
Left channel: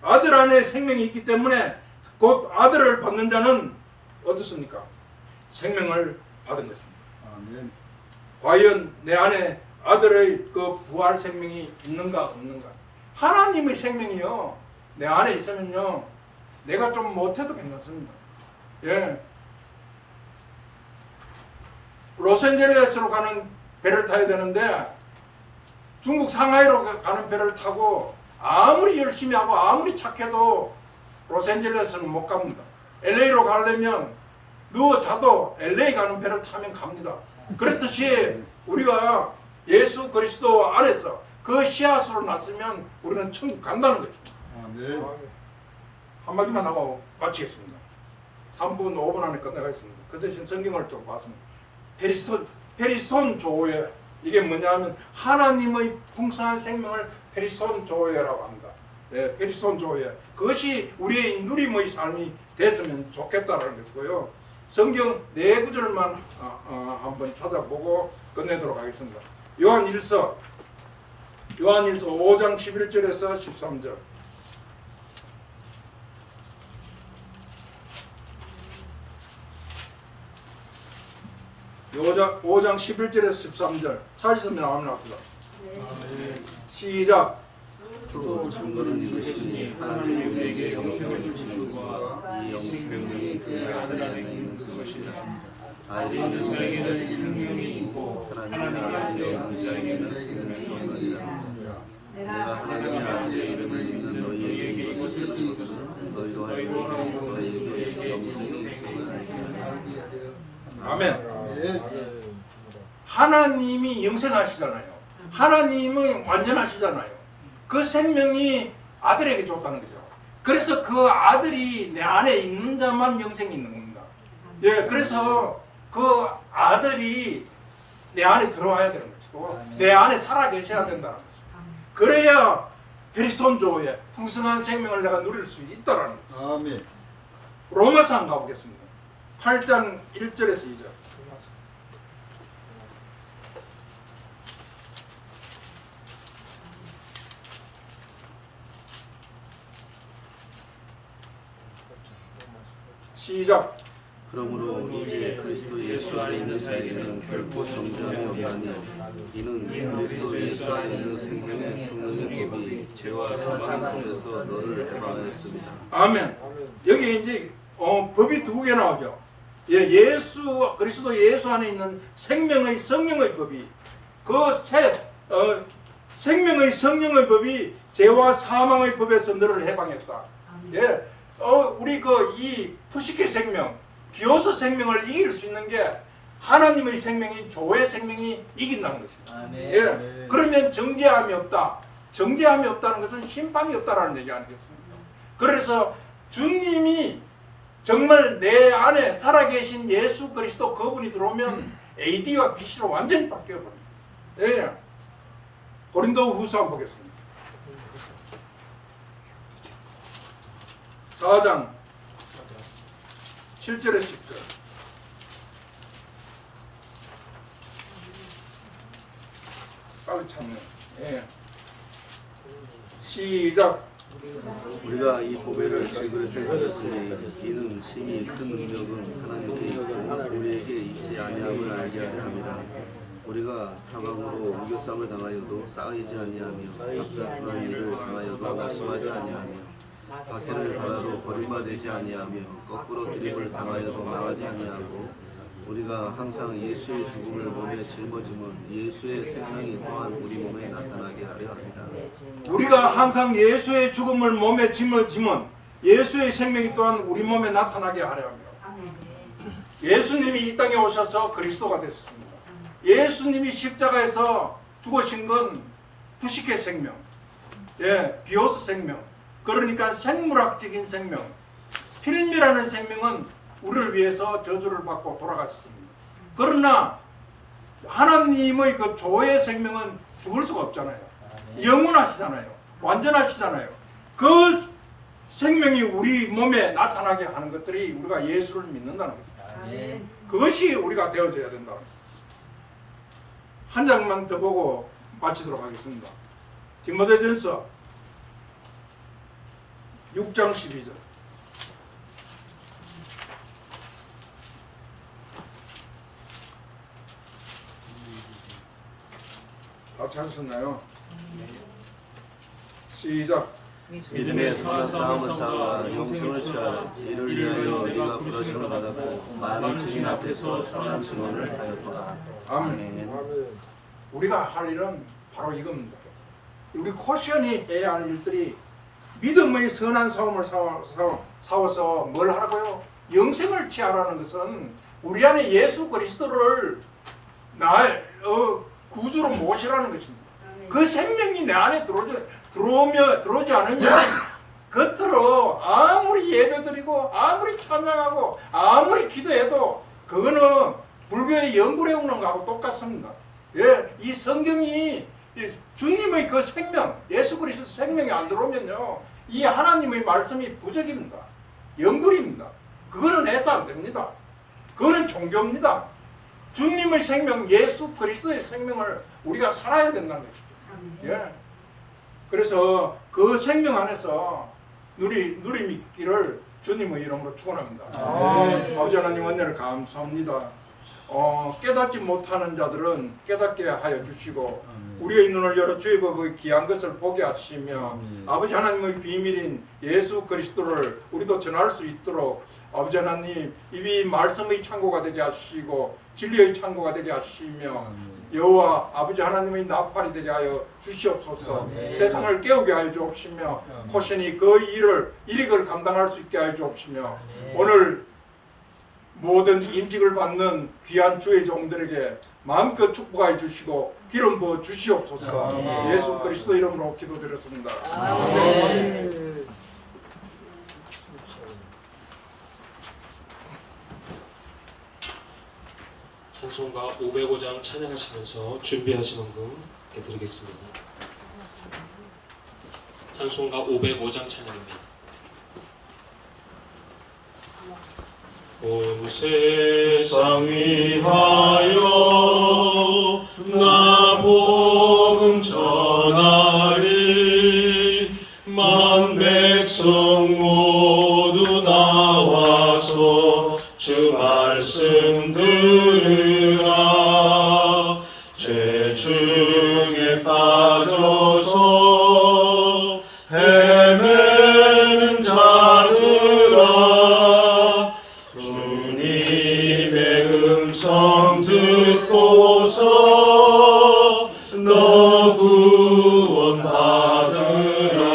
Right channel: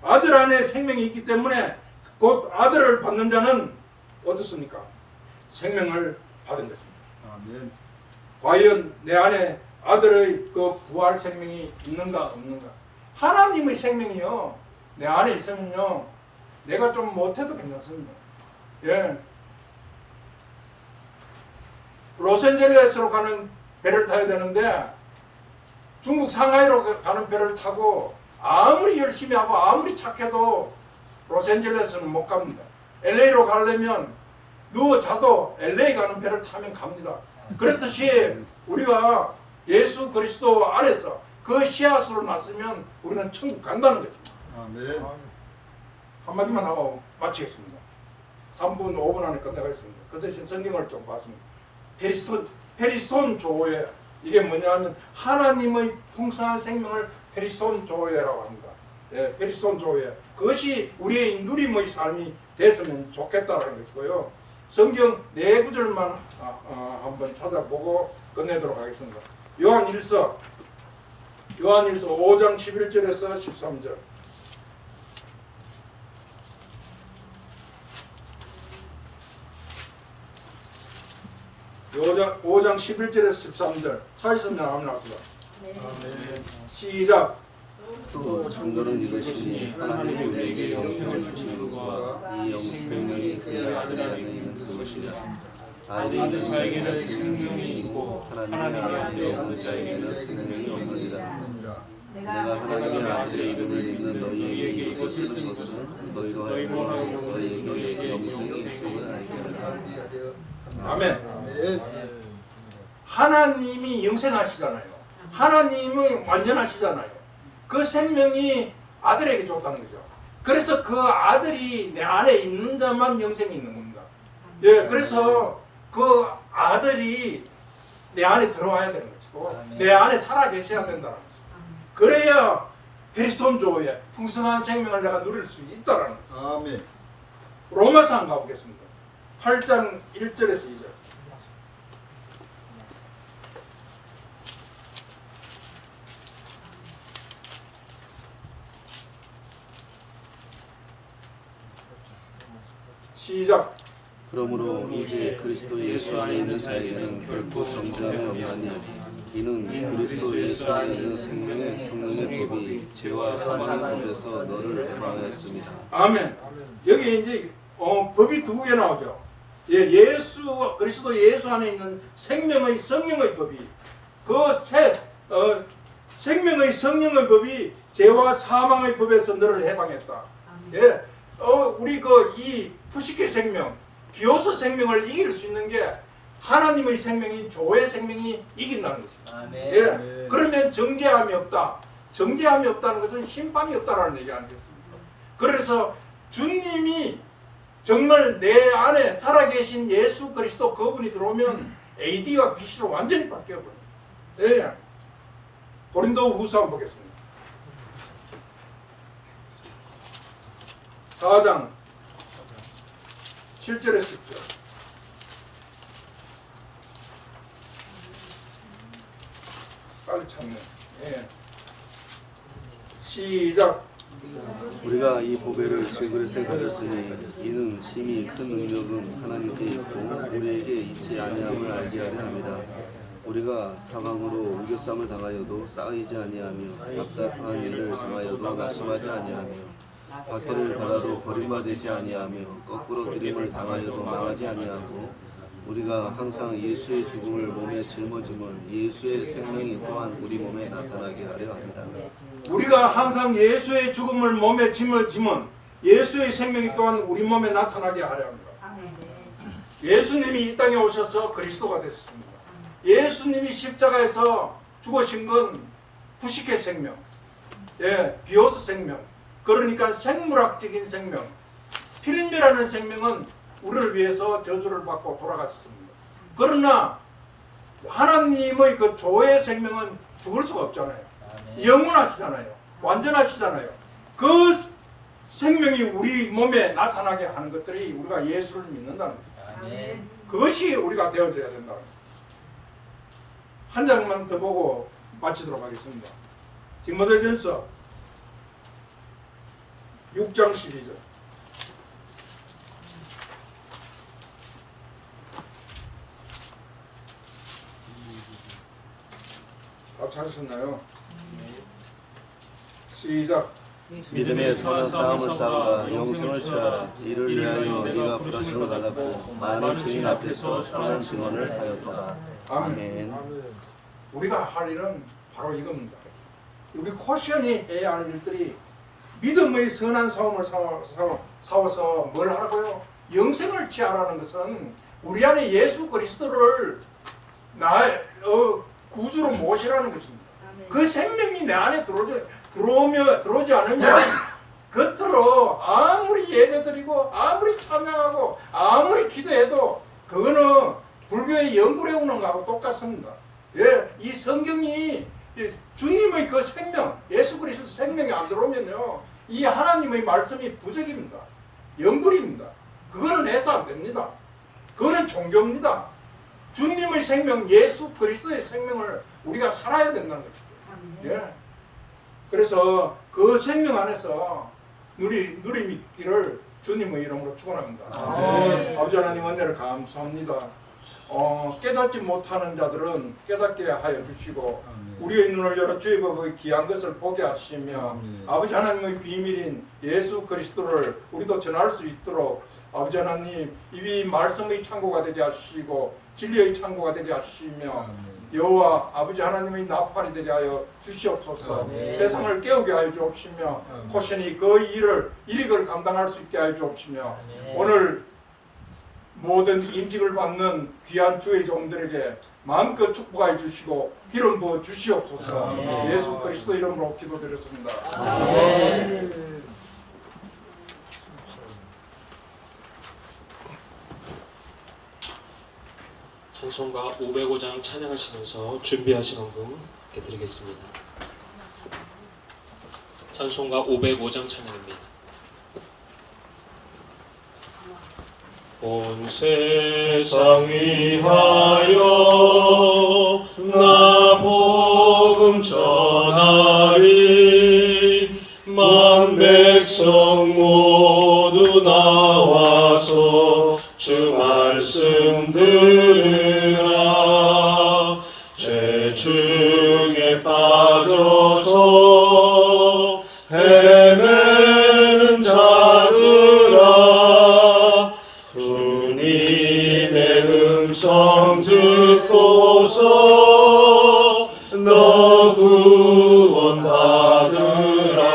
아들 안에 생명이 있기 때문에 곧 아들을 받는 자는 어떻습니까? 생명을 받은 것입니다. 아멘. 과연 내 안에 아들의 그 부활 생명이 있는가 없는가? 하나님의 생명이요 내 안에 있으면요 내가 좀 못해도 괜찮습니다. 예. 로스앤젤레스로 가는 배를 타야 되는데 중국 상하이로 가는 배를 타고 아무리 열심히 하고 아무리 착해도 로스앤젤레스는 못 갑니다. LA로 가려면 누워 자도 LA 가는 배를 타면 갑니다. 그렇듯이 우리가 예수 그리스도 안에서 그 씨앗으로 났으면 우리는 천국 간다는 거죠. 아멘. 한마디만 하고 마치겠습니다. 3분 5분 안에 끝내가겠습니다. 그 대신 성경을 좀 봤습니다. 페리손 조회, 이게 뭐냐 하면 하나님의 풍성한 생명을 페리손 조회라고 합니다. 예, 페리손 조회, 그것이 우리의 누림의 삶이 됐으면 좋겠다라는 것이고요. 성경 4구절만 한번 찾아보고 끝내도록 하겠습니다. 요한일서 5장 11절에서 13절. 요한 5장 11절에서 13절 찾으시면 한번 합시다. 아멘. 시작. 또 증거는 이것이니 하나님이 우리에게 영생을 주신 것과 이 생명이 그의 아들 있는 것이라. 아들 자에게는 생명이 있고 하나님의 아버지에게는 생명이 있느니라. 내가 하나님 아버지의 이름을 믿는 너희에게 이것을 쓴 것은 너희와 너희에게 생명을 알게 하려 함이라. 아멘. 아멘. 하나님이 영생하시잖아요. 하나님은 완전하시잖아요. 그 생명이 아들에게 줬다는 거죠. 그래서 그 아들이 내 안에 있는 자만 영생이 있는 겁니다. 예, 그래서 그 아들이 내 안에 들어와야 되는 것이고 내 안에 살아 계셔야 된다는 거죠. 그래야 페리손조의 풍성한 생명을 내가 누릴 수 있다라는 거죠. 아멘. 로마서 한번 가보겠습니다. 8장 1절에서 2절. 시작. 그러므로 이제 그리스도 예수 안에 있는 자에게는 결코 정죄함이 아니요 이는 그리스도 예수 안에 있는 생명의 법이 죄와 사망 가운데서 너를 해방하였습니다. 아멘. 여기 이제 법이 2개 나오죠. 예, 그리스도 예수 안에 있는 생명의 성령의 법이 생명의 성령의 법이 죄와 사망의 법에서 너를 해방했다. 예, 우리 이 푸시케 생명, 비오소 생명을 이길 수 있는 게 하나님의 생명이 조의 생명이 이긴다는 것입니다. 아멘. 예, 그러면 정죄함이 없다. 정죄함이 없다는 것은 심판이 없다라는 얘기 아니겠습니까? 그래서 주님이 정말 내 안에 살아계신 예수 그리스도 그분이 들어오면 AD와 BC로 완전히 바뀌어버립니다. 예. 고린도 후서 한번 보겠습니다. 4장 7절에 10절. 빨리 찾네. 예. 시작. 우리가 이 보배를 제 그릇에 가졌으니 이는 심히 큰 능력은 하나님께 있고 우리에게 있지 아니함을 알게 하려 함이라. 우리가 사방으로 옮겨쌈을 당하여도 쌓이지 아니하며 답답한 일을 당하여도 낙심하지 아니하며 박해를 받아도 버림받지 아니하며 거꾸로 드립을 당하여도 망하지 아니하고 우리가 항상 예수의 죽음을 몸에 짊어지면 예수의 생명이 또한 우리 몸에 나타나게 하려 합니다. 우리가 항상 예수의 죽음을 몸에 짊어지면 예수의 생명이 또한 우리 몸에 나타나게 하려 합니다. 예수님이 이 땅에 오셔서 그리스도가 됐습니다. 예수님이 십자가에서 죽으신 건 부식의 생명, 비오스 생명, 그러니까 생물학적인 생명. 필미라는 생명은 우리를 위해서 저주를 받고 돌아가셨습니다. 그러나 하나님의 그 조의 생명은 죽을 수가 없잖아요. 영원하시잖아요. 완전하시잖아요. 그 생명이 우리 몸에 나타나게 하는 것들이 우리가 예수를 믿는다는 거죠. 그것이 우리가 되어져야 된다는 거죠. 한 장만 더 보고 마치도록 하겠습니다. 디모데전서 6장 12절. 다 찾으셨나요? 시작. 믿음의 선한 싸움을 싸워 영생을 취하라. 이를 위하여 내가 부르심을 받았고 많은 증인 앞에서 선한 증언을 하였도다. 아멘. 우리가 할 일은 바로 이겁니다. 우리 코션이 해야 할 일들이 믿음의 선한 싸움을 싸워서 뭘 하라고요? 영생을 취하라는 것은 우리 안에 예수 그리스도를 구주로 모시라는 것입니다. 그 생명이 내 안에 들어오지 않으면 겉으로 아무리 예배드리고 아무리 찬양하고 아무리 기도해도 그거는 불교의 영구레오는 거하고 똑같습니다. 이 성경이 주님의 그 생명, 예수 그리스도 생명이 안 들어오면요, 이 하나님의 말씀이 부적입니다. 영불입니다. 그거는 해서 안 됩니다. 그거는 종교입니다. 주님의 생명, 예수 그리스도의 생명을 우리가 살아야 된다는 것이죠. 그래서 그 생명 안에서 누리미기를 주님의 이름으로 축원합니다. 아버지 하나님 은혜를 감사합니다. 깨닫지 못하는 자들은 깨닫게 하여 주시고 우리의 눈을 열어 주의 법의 귀한 것을 보게 하시며 아버지 하나님의 비밀인 예수 그리스도를 우리도 전할 수 있도록 아버지 하나님 이 말씀의 창고가 되게 하시고 진리의 창고가 되게 하시며 여호와 아버지 하나님의 나팔이 되게 하여 주시옵소서. 세상을 깨우게 하여 주옵시며 코션이 그 일익을 감당할 수 있게 하여 주옵시며 오늘 모든 임직을 받는 귀한 주의 종들에게 마음껏 축복하여 주시고 기름 부어 주시옵소서. 예수 그리스도 이름으로 기도드렸습니다. 아멘. 찬송가 505장 찬양하시면서 준비하신 헌금 드리겠습니다. 찬송가 505장 찬양입니다. 온 세상 위하여 나 복음 전하리 만 백성 모두 나와서 주 말씀 들으라. 죄 중에 빠져서 헤매는 자들아 주님의 음성 듣고서 너 구원 받으라.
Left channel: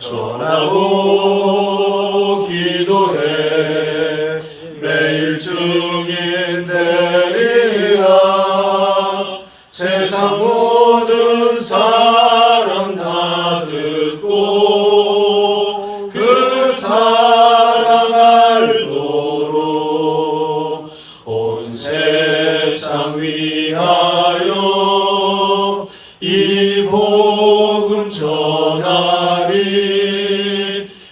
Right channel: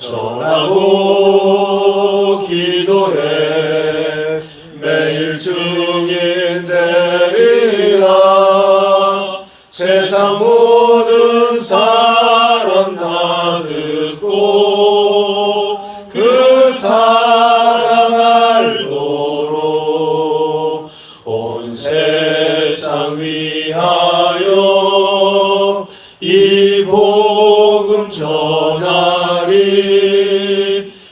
전하고 기도해 매일 증인 되리라. 세상 모든 사람 다 듣고 그 사랑 알도록 온 세상 위하여 이 복음 전하리.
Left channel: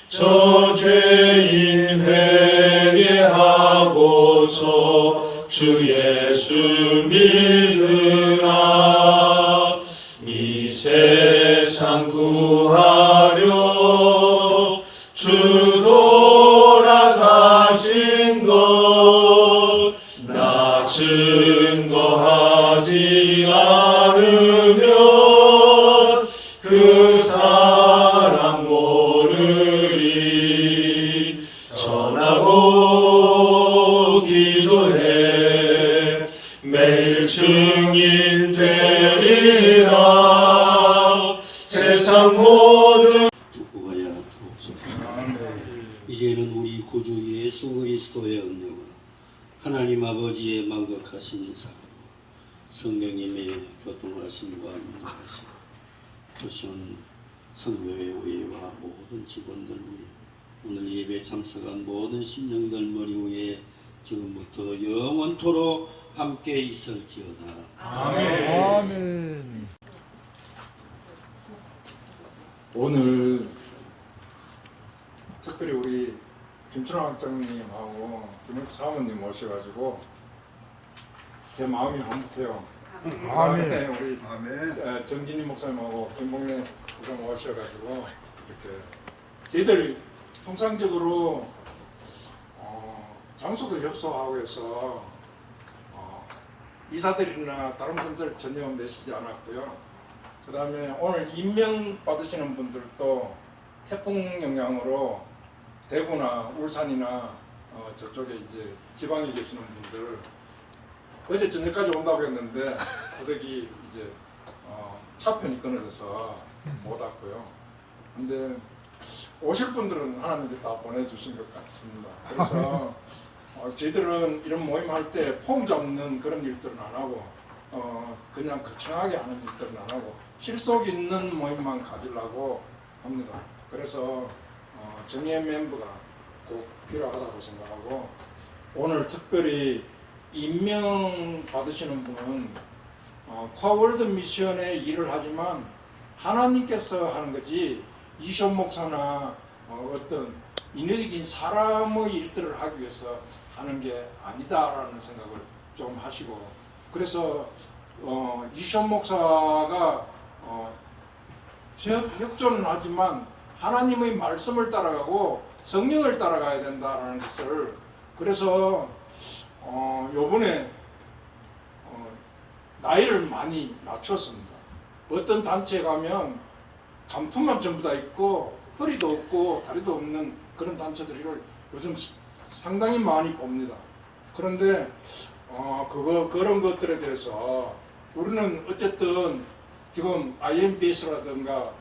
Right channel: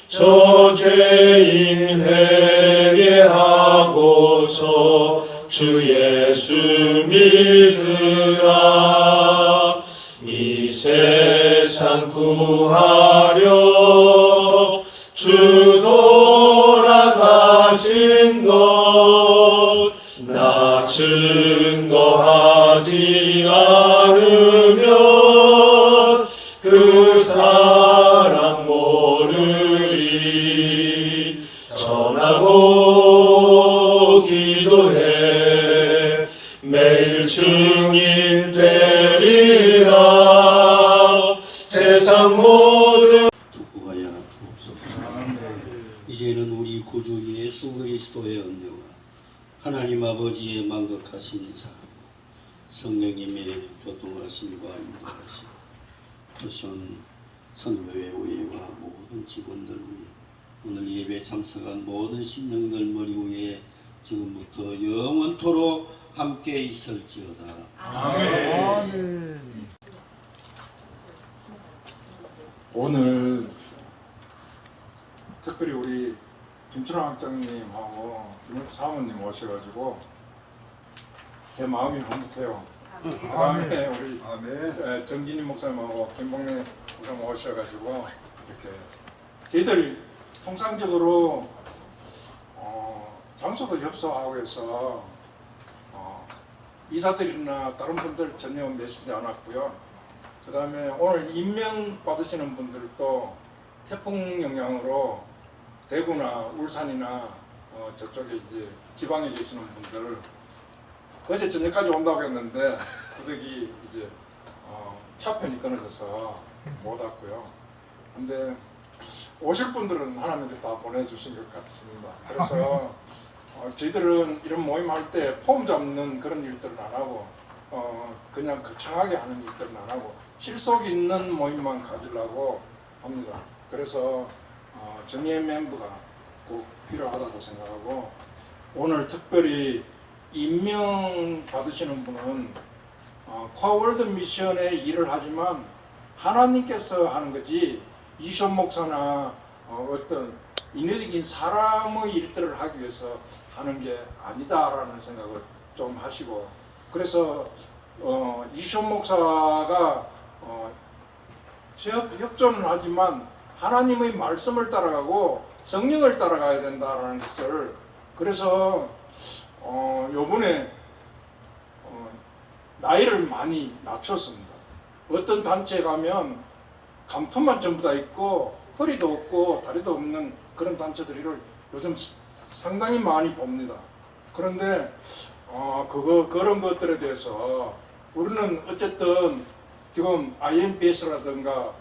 저 죄인 회개하고서 주 예수 믿으라. 이 세상 구하려 주 돌아가신 것 나 증거하지 않으면 그 사람 모르리. 전하고 기도해 매일 증인 되리라. 세상 모든 축복하여 주옵소서. 이제는 우리 구주 예수 그리스도의 은혜와 하나님 아버지의 만극하신 사랑, 성령님의 교통하심과 인도하심, 토션 성교회 위에와 모든 직원들 위에, 오늘 예배에 참석한 모든 심령들 머리 위에 지금부터 영원토록 함께 있을지어다. 오늘 특별히 우리 김춘환 학장님하고 김은주 사모님 오셔가지고 제 마음이 흐뭇해요. 그다음에 우리 정진희 목사님하고 김봉래 목사님 오셔가지고 이렇게 저희들 통상적으로 장소도 협소하고 해서 이사들이나 다른 분들 전혀 내시지 않았고요. 그 다음에 오늘 임명 받으시는 분들도 태풍 영향으로 대구나 울산이나 저쪽에 이제 지방에 계시는 분들 어제 저녁까지 온다고 했는데 고데기 이제 차편이 끊어져서 못 왔고요. 근데 오실 분들은 하나님께서 다 보내주신 것 같습니다. 그래서 저희들은 이런 모임할 때 폼 잡는 그런 일들은 안 하고 그냥 거창하게 하는 일들은 안 하고 실속 있는 모임만 가지려고 합니다. 그래서 정예 멤버가 꼭 필요하다고 생각하고 오늘 특별히 임명 받으시는 분은 코아월드 미션의 일을 하지만 하나님께서 하는 거지 이쇼 목사나 어떤 인위적인 사람의 일들을 하기 위해서 하는 게 아니다라는 생각을 좀 하시고 그래서 이쇼 목사가 협조는 하지만 하나님의 말씀을 따라가고 성령을 따라가야 된다라는 것을 그래서 요번에 나이를 많이 낮췄습니다. 어떤 단체에 가면 감투만 전부 다 있고 허리도 없고 다리도 없는 그런 단체들을 요즘 상당히 많이 봅니다. 그런데 그런 것들에 대해서 우리는 어쨌든 지금 IMBS라든가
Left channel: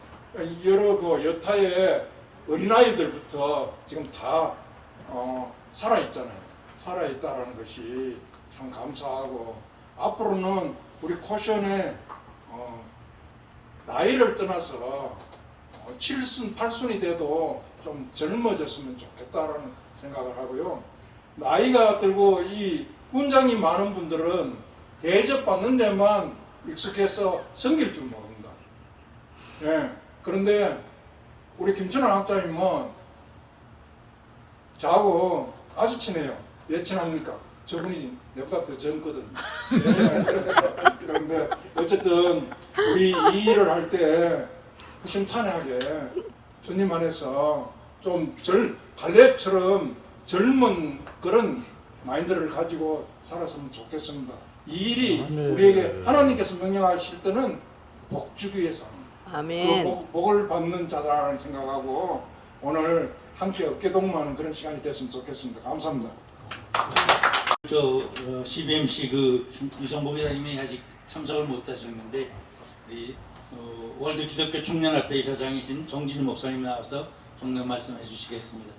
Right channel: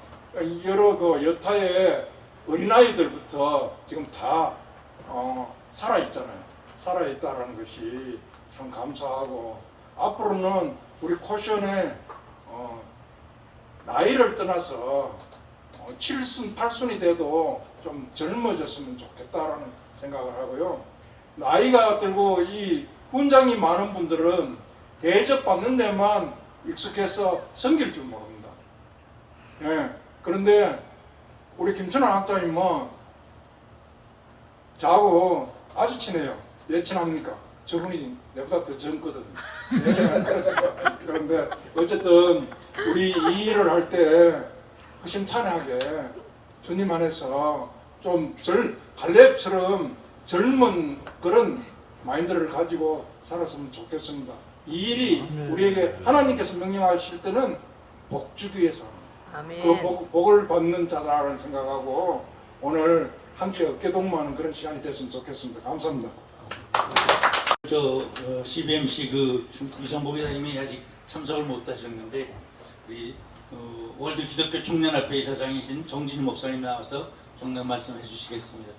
여러 그 여타의 어린아이들부터 지금 다 살아있잖아요. 살아있다라는 것이 참 감사하고 앞으로는 우리 코션에 나이를 떠나서 7순, 8순이 돼도 좀 젊어졌으면 좋겠다라는 생각을 하고요. 나이가 들고 이 훈장이 많은 분들은 대접받는 데만 익숙해서 섬길 줄 모릅니다. 예. 그런데 우리 김춘환 학장님은 저하고 아주 친해요. 왜 친합니까? 저분이 내보다 더 젊거든. 그런데 어쨌든 우리 이 일을 할 때 허심탄회하게 주님 안에서 좀 갈렙처럼 젊은 그런 마인드를 가지고 살았으면 좋겠습니다. 이 일이 우리에게 하나님께서 명령하실 때는 복 주기 위해서 합니다. 그 복을 받는 자라는 생각하고 오늘 함께 어깨동무하는 그런 시간이 됐으면 좋겠습니다. 감사합니다. CBMC 그 유성복 회장님이 아직 참석을 못하셨는데 우리 월드 기독교 청년합회 이사장이신 정진희 목사님 나와서 경례 말씀해 주시겠습니다.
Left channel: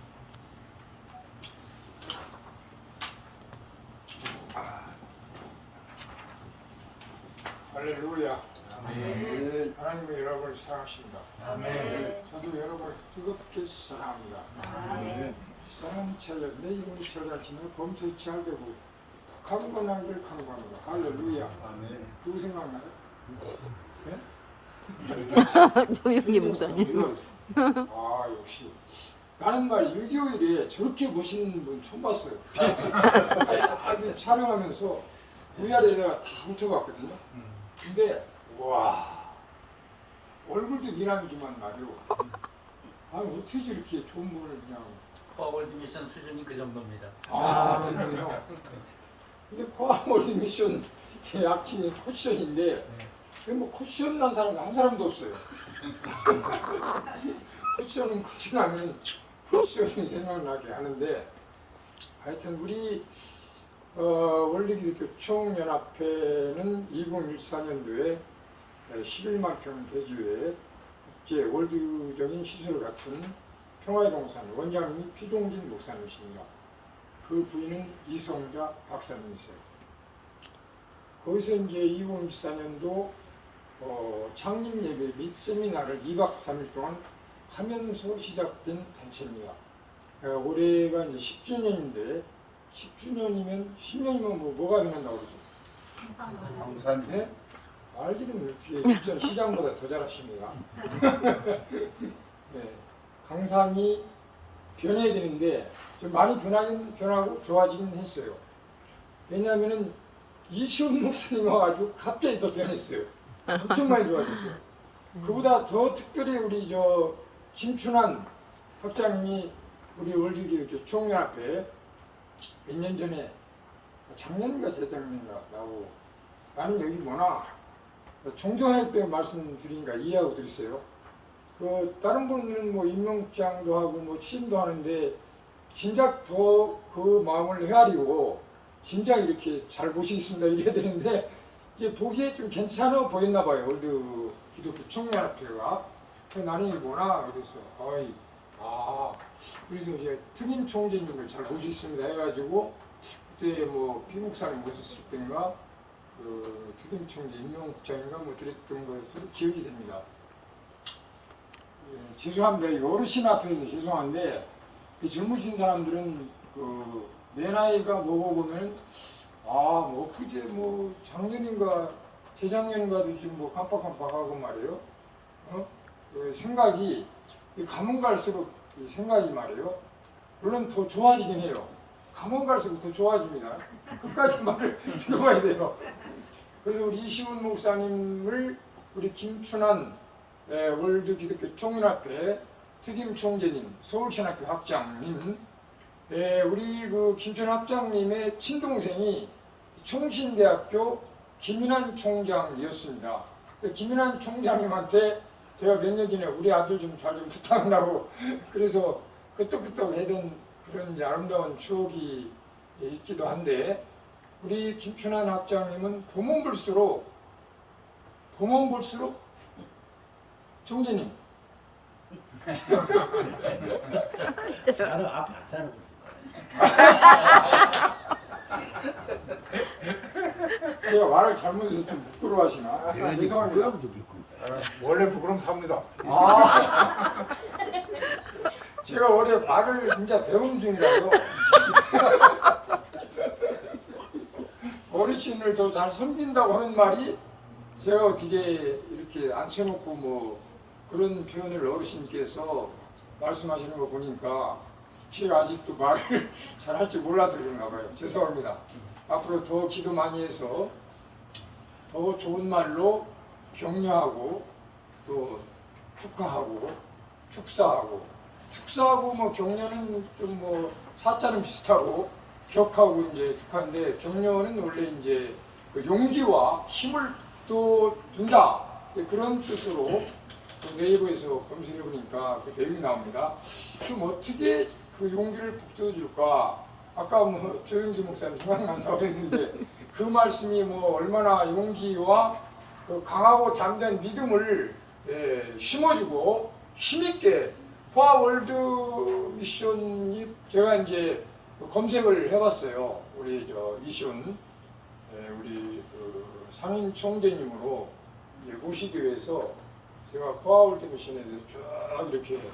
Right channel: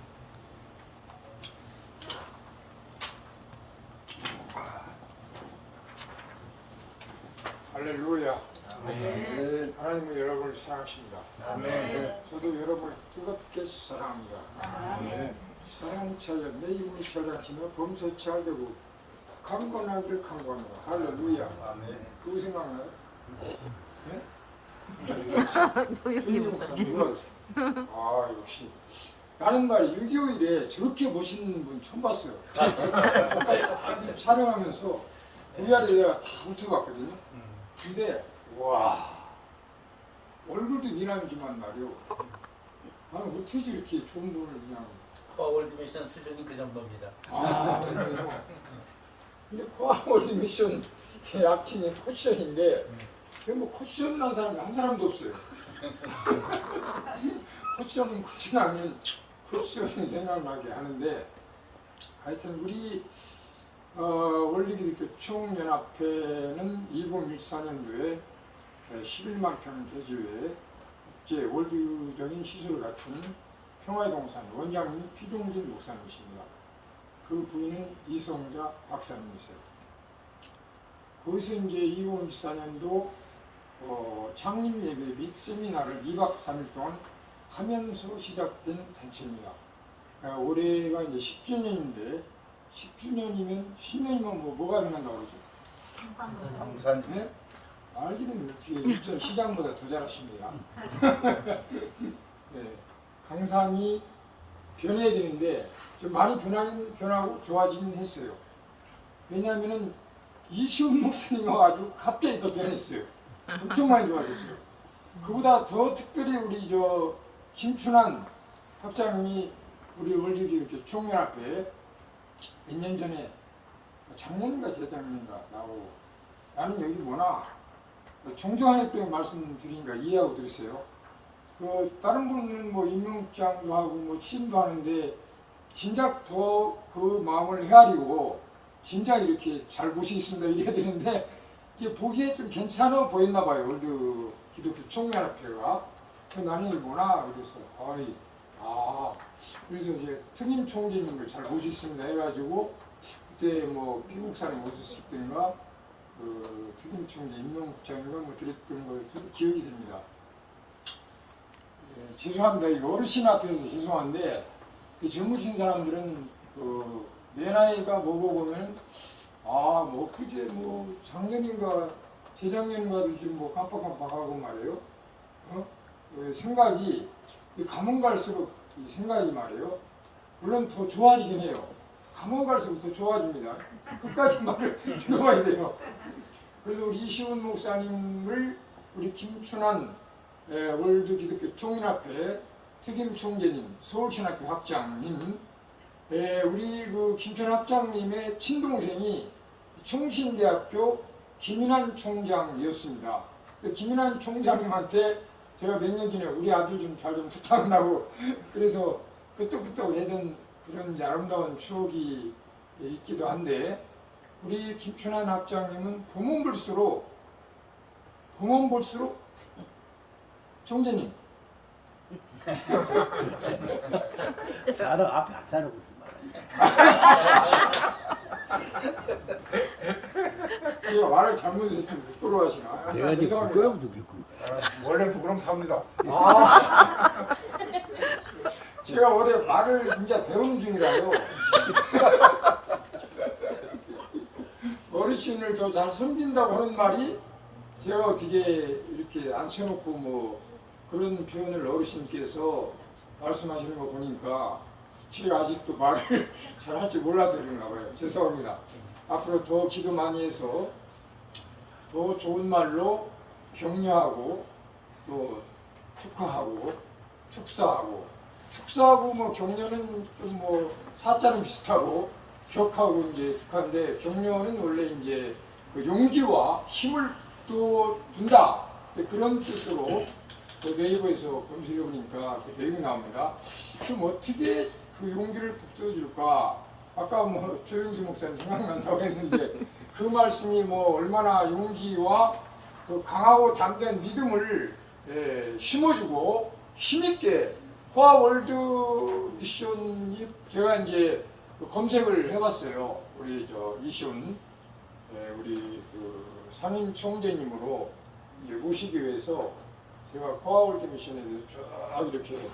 할렐루야. 아멘. 하나님은 여러분을 사랑하십니다. 아멘. 저도 여러분을 뜨겁게 사랑합니다. 아멘. 사랑은 차려 내 이름을 찾아지며 범죄치 알되고 강건하기를 강구합니다. 할렐루야. 아멘. 그거 생각나요? 네? 조용히 목사님. 아 역시 나는 말 6.25일에 저렇게 멋있는 분 처음 봤어요. 촬영하면서 위아래 내가 다 훑어봤거든요. 근데 와 얼굴도 미남이지만 말이요. 아니 어떻게 저렇게 좋은 분을 그냥 코아월드 미션 수준이 그 정도입니다. 그래요. 근데 코아월드 미션 약칭이 포지션인데 뭐 포지션 난 사람 한 사람도 없어요. 포지션은 포지션하면 포지션이 생각나게 하는데 하여튼 우리 월드기독교 총연합회는 2014년도에 11만 평 대지에 국제 월드적인 시설을 갖춘 평화의 동산 원장님 피종진 목사님이십니다. 그 부인은 이성자 박사님이세요. 거기서 이제 2014년도 창립 예배 및 세미나를 2박 3일 동안 하면서 시작된 단체입니다. 올해가 이제 10주년인데 10주년이면 10년이면 뭐가 된다고 그러죠? 강사님. 네? 말들은 어떻게 일전 시장보다 더 잘하십니다. 네, 강산이 변해야 되는데 좀 많이 변하긴 변하고 좋아지긴 했어요. 왜냐하면은 이시훈 목사님 와가지고 갑자기 더 변했어요. 엄청 많이 좋아졌어요. 그보다 더 특별히 우리 김춘환 학장님이 우리 월드기독교 총연합회 몇 년 전에 장모님과 대장님인가 나오고 나는 여기 뭐나 종교하기 때문에 말씀드리니까 이해하고 들었어요. 다른 분은 뭐 임명장도 하고 뭐 취임도 하는데 진작 더 그 마음을 헤아리고 진작 이렇게 잘 보시겠습니다 이래야 되는데 이제 보기에 좀 괜찮아 보였나 봐요. 월드 기독교 총연합회가. 나는 뭐나 그래서 그래서 이제 특임 총재님을 잘 보시겠습니다 해가지고 그때 뭐 피국사님 오셨을 때인가 특임 총재 임명장인가 뭐 드렸던 것으로 기억이 됩니다. 죄송합니다. 이 어르신 앞에서 죄송한데 젊으신 사람들은 내 나이가 뭐고 보면 뭐 그제 뭐 작년인가 재작년인가도 지금 뭐 깜빡깜빡하고 말이에요. 생각이 가면 갈수록 이 생각이 말이에요. 물론 더 좋아지긴 해요. 가면 갈수록 더 좋아집니다. 끝까지 말을 들어봐야 돼요. 그래서 우리 이시훈 목사님을 우리 김춘환 월드 기독교 총연합회 특임 총재님, 서울신학교 학장님, 우리 그 김춘환 학장님의 친동생이 총신대학교 김인환 총장이었습니다. 김인환 총장님한테 제가 몇 년 전에 우리 아들 좀 잘 좀 부탁하고 그래서 끄떡끄떡 하던 그런 이제 아름다운 추억이 있기도 한데 우리 김춘환 학장님은 보면 볼수록 총재님 자로 앞에 안 자르고 제가 말을 잘못해서 좀 부끄러워하시나? 내가 이제 부끄러움 죽겠군. 원래 부끄럼 탑니다. 제가 원래 말을 진짜 배우는 중이라요. 어르신을 더 잘 섬긴다고 하는 말이 제가 어떻게 이렇게 앉혀놓고 뭐 그런 표현을 어르신께서 말씀하시는 거 보니까 제가 아직도 말을 잘 할 줄 몰라서 그런가 봐요. 죄송합니다. 앞으로 더 기도 많이 해서 더 좋은 말로 격려하고 또 축하하고 축사하고 뭐 격려는 좀 뭐 사자는 비슷하고 격하고 이제 축하인데 격려는 원래 이제 그 용기와 힘을 또 준다 그런 뜻으로 그 네이버에서 검색해 보니까 그 내용이 나옵니다. 그럼 어떻게 그 용기를 북돋아줄까? 아까 뭐 조영기 목사님 생각난다고 했는데 그 말씀이 뭐 얼마나 용기와 그 강하고 담대한 믿음을 심어주고 힘있게 포아월드 미션이 제가 이제 검색을 해봤어요. 우리 이시훈 우리 그 상임 총재님으로 모시기 위해서 제가 포아월드 미션에 대해서 쭉 이렇게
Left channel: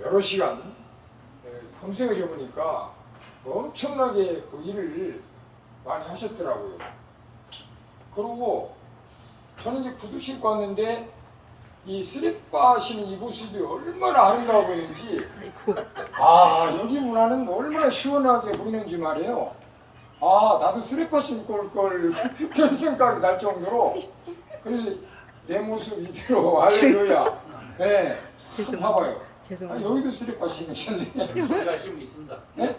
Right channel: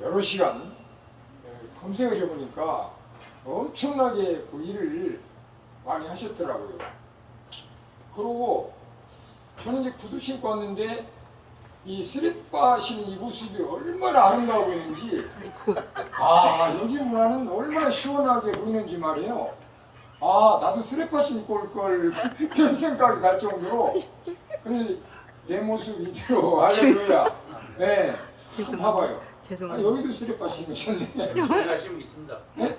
여러 시간 검색을 해보니까 엄청나게 그 일을 많이 하셨더라고요. 그리고 저는 이제 구두 신고 왔는데 이 슬리퍼 신은 이 모습이 얼마나 아름다워 보이는지 여기 문화는 얼마나 시원하게 보이는지 말이에요. 나도 슬리퍼 신고 올 걸 그런 생각이 날 정도로 그래서 내 모습 이대로 할렐루야. 네, 봐봐요. 죄송합니다. 여기도 슬리퍼 신으셨네. 좀 가시면 있습니다. 네?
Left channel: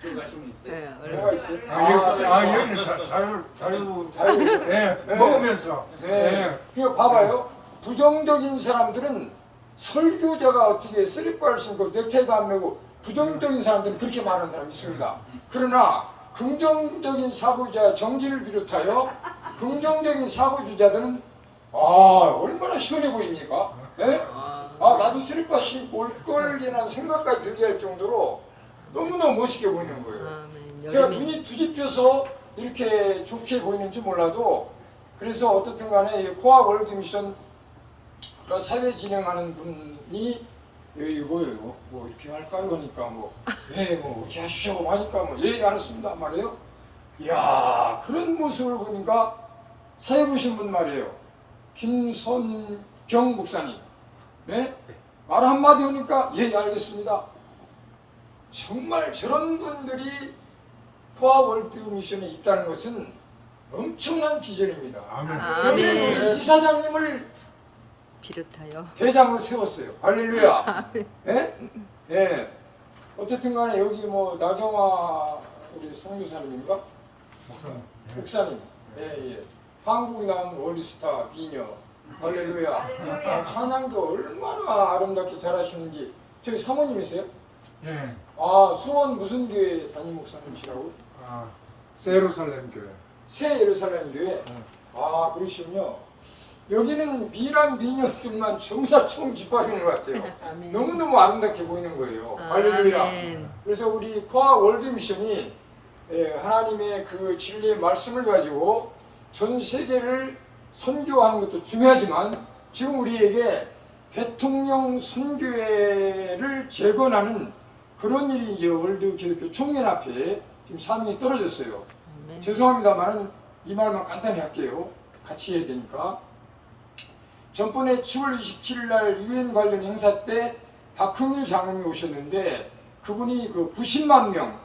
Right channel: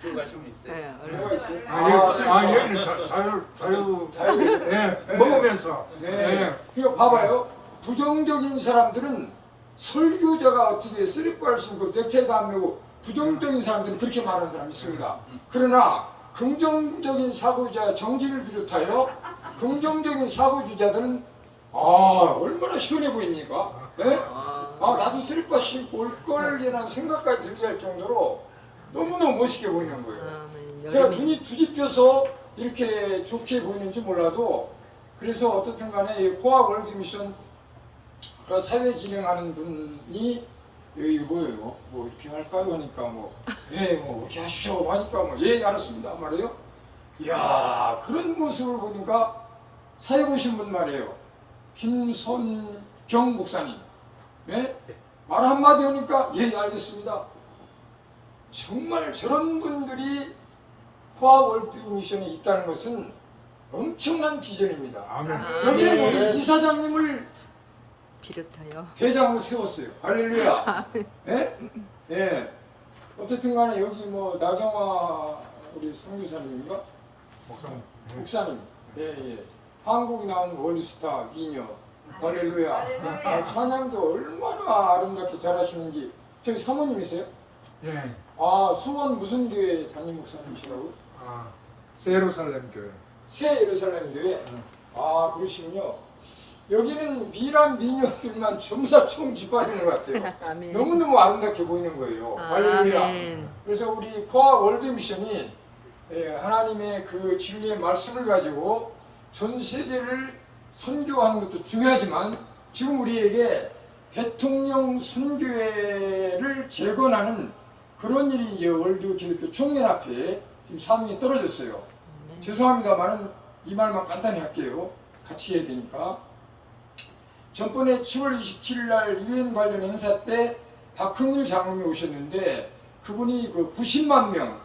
좀 가시면 있어요. 네, 뭐가 있어요? 여기는 자유 먹으면서. 네. 그리고 봐봐요. 부정적인 사람들은 설교자가 어떻게 슬리퍼를 신고 넥타이도 안 매고 부정적인 사람들은 그렇게 말하는 사람이 있습니다. 그러나 긍정적인 사고자 정지를 비롯하여 긍정적인 사고주자들은 얼마나 시원해 보입니까? 네? 나도 슬리퍼 신고 올 걸이라는 생각까지 들게 할 정도로 너무너무 멋있게 보이는 거예요. 아멘. 제가 여름에 눈이 뒤집혀서 이렇게 좋게 보이는지 몰라도 그래서 어떻든 간에 이 코아 월드 미션 아까 사회 진행하는 분이 여기 뭐예요? 뭐 이렇게 할까요? 하니까 뭐 이렇게 하십시오 하니까 알았습니다 말이에요. 이야 그런 모습을 보니까 사회 보신 분 말이에요. 김선경 목사님 네? 말 한마디 하니까 알겠습니다. 정말 저런 분들이 코아 월드 미션에 있다는 것은 엄청난 비전입니다. 여기는 우리 이사장님을 비롯하여 대장으로 세웠어요. 할렐루야. 예? 예. 어쨌든 간에 여기 뭐 나경화 우리 선교사님인가? 목사님. 예. 한국 나온 월드스타 미녀. 할렐루야. 찬양도 얼마나 아름답게 잘하시는지. 저기 사모님이세요? 예. 아, 수원 무슨 교회 담임 목사님이시라고? 세루살렘 교회. 새 예루살렘 교회. 아, 그러시군요. 여기는 미남 미녀들만 정사총 짓밟는 것 같아요. 아멘. 너무너무 아름답게 보이는 거예요. 할렐루야. 아멘. 그래서 우리 코아 월드 미션이 하나님의 그 진리의 말씀을 가지고 전 세계를 선교하는 것도 중요하지만 지금 우리에게 대통령 선교회를 재건하는 그런 일이 이제 월드 기독교 총연합회에 지금 사명이 떨어졌어요. 아멘. 죄송합니다만은 이 말만 간단히 할게요. 같이 해야 되니까. 전번에 10월 27일 날 유엔 관련 행사 때 박흥일 장로님이 오셨는데 그분이 그 90만 명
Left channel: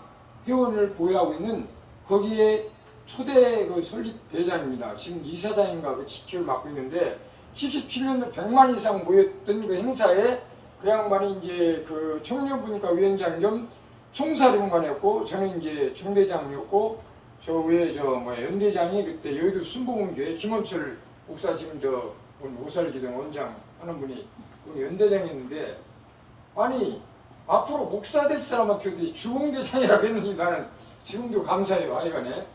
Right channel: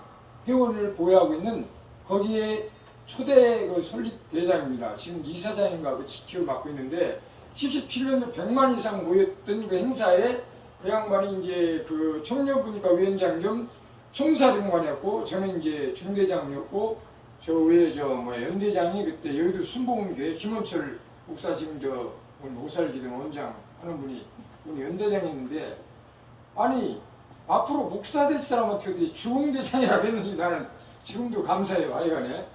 회원을 보유하고 있는 거기에 초대 그 설립 대장입니다. 지금 이사장인가 그 지키를 맡고 있는데 77년도 100만 이상 모였던 그 행사에 그 양반이 이제 그 청년분과 위원장 겸 총사령관이었고 저는 이제 중대장이었고 저 위에 연대장이 그때 여의도 순복음교회 김원철 목사 지금 오살기등 원장 하는 분이 연대장이었는데 아니 앞으로 목사 될 사람한테 어떻게 주공대장이라고 했는지 나는 지금도 감사해요. 하여간에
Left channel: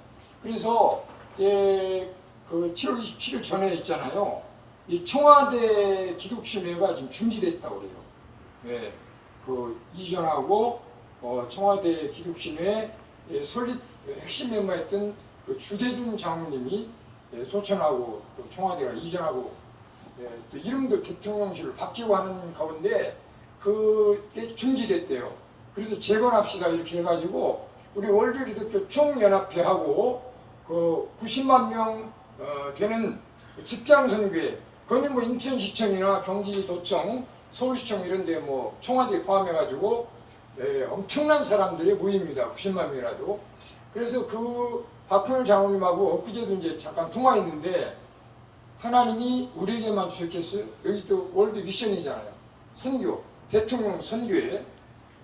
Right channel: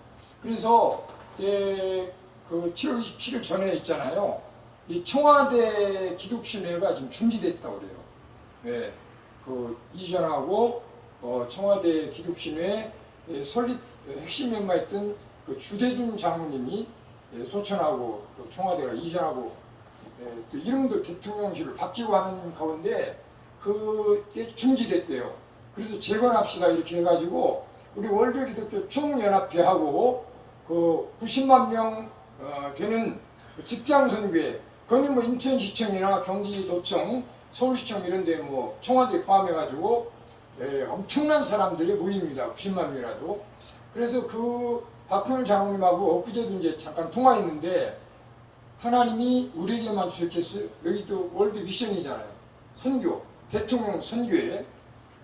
그래서 그 7월 27일 전에 있잖아요. 이 청와대 기독신회가 지금 중지됐다고 그래요. 네, 그 이전하고 청와대 기독신회 설립 핵심 멤버였던 그 주대준 장로님이 소천하고 또 청와대가 이전하고 또 이름도 대통령실을 바뀌고 하는 가운데 그게 중지됐대요. 그래서 재건합시다 이렇게 해가지고 우리 월드 기독교 총연합회하고 그 90만 명 되는 직장 선교회 그건 뭐 인천시청이나 경기도청, 서울시청 이런데 뭐 청와대 포함해가지고 엄청난 사람들이 모입니다. 90만 명이라도. 그래서 그 박형일 장로님하고 엊그제도 이제 잠깐 통화했는데 하나님이 우리에게만 주셨겠어요? 여기 또 월드 미션이잖아요. 선교, 대통령 선교회.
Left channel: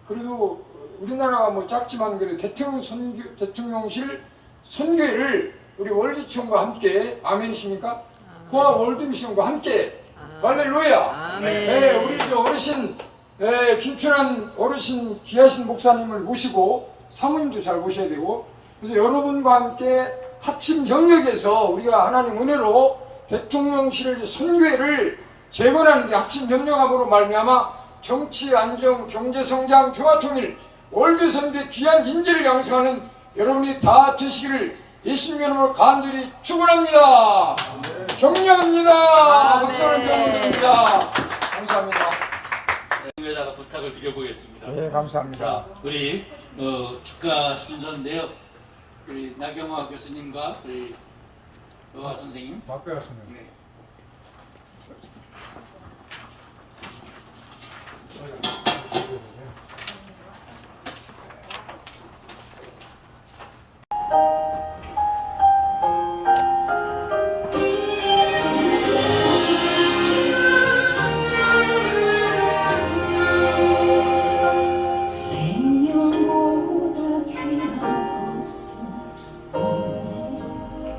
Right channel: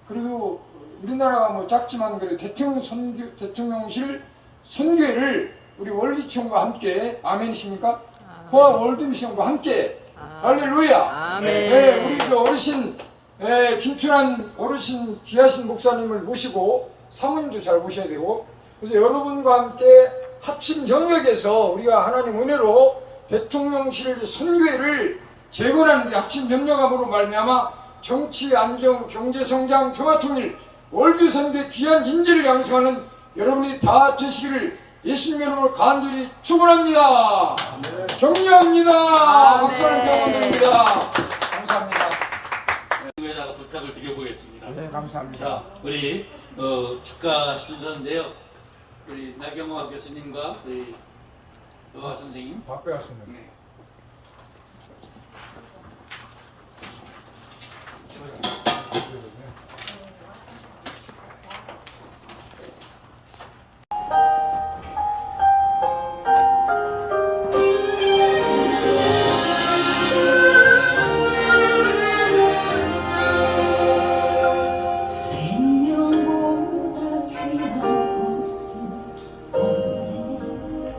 그리고 우리나라가 뭐 작지만 그래도 대통령실 선교회를 우리 월기총과 함께 아멘이십니까? 코아 월드 미션과 함께 할렐루야. 아멘. 네, 우리 저 어르신 김춘환 어르신 귀하신 목사님을 모시고 사모님도 잘 모셔야 되고 그래서 여러분과 함께 합심 협력해서 우리가 하나님 은혜로 대통령실 선교회를 재건하는 데 합심 협력함으로 말미암아 정치 안정, 경제 성장, 평화 통일, 월드 선대 귀한 인재를 양성하는 여러분이 다 되시기를 예수님 이름으로 간절히 축원합니다. 격려합니다. 박수 한번 드립니다. 감사합니다. 에다가 부탁을 드려보겠습니다. 네, 감사합니다. 자, 우리 축가 순서인데요. 우리 나경화 교수님과 우리 의화 선생님. 바꿔였습니다. 네. 생명보다 귀한 것은 없네.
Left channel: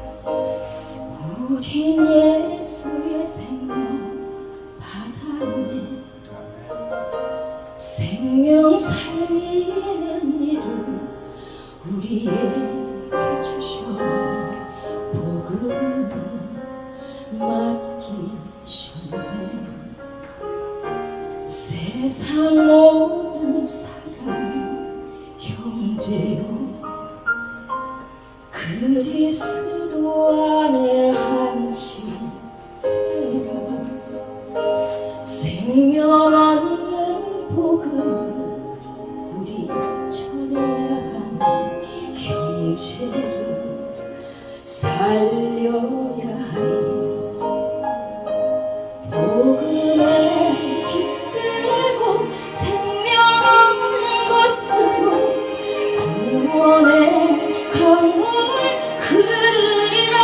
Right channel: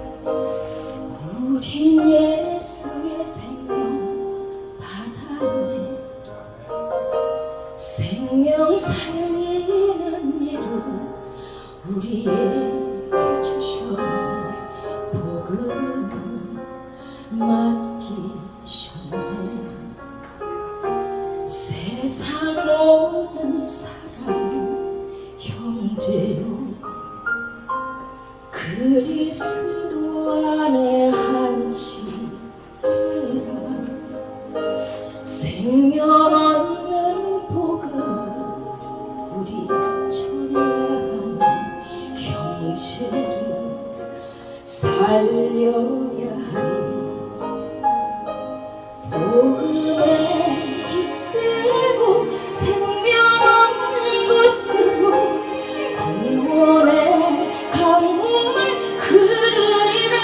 우린 예수의 생명 받았네. 생명 살리는 이름 우리에게 주셨네. 복음은 맡기셨네. 세상 모든 사랑은 살려야 하리 복음의 빛들고 생명 없는 곳으로 구원의 강물 흐르리라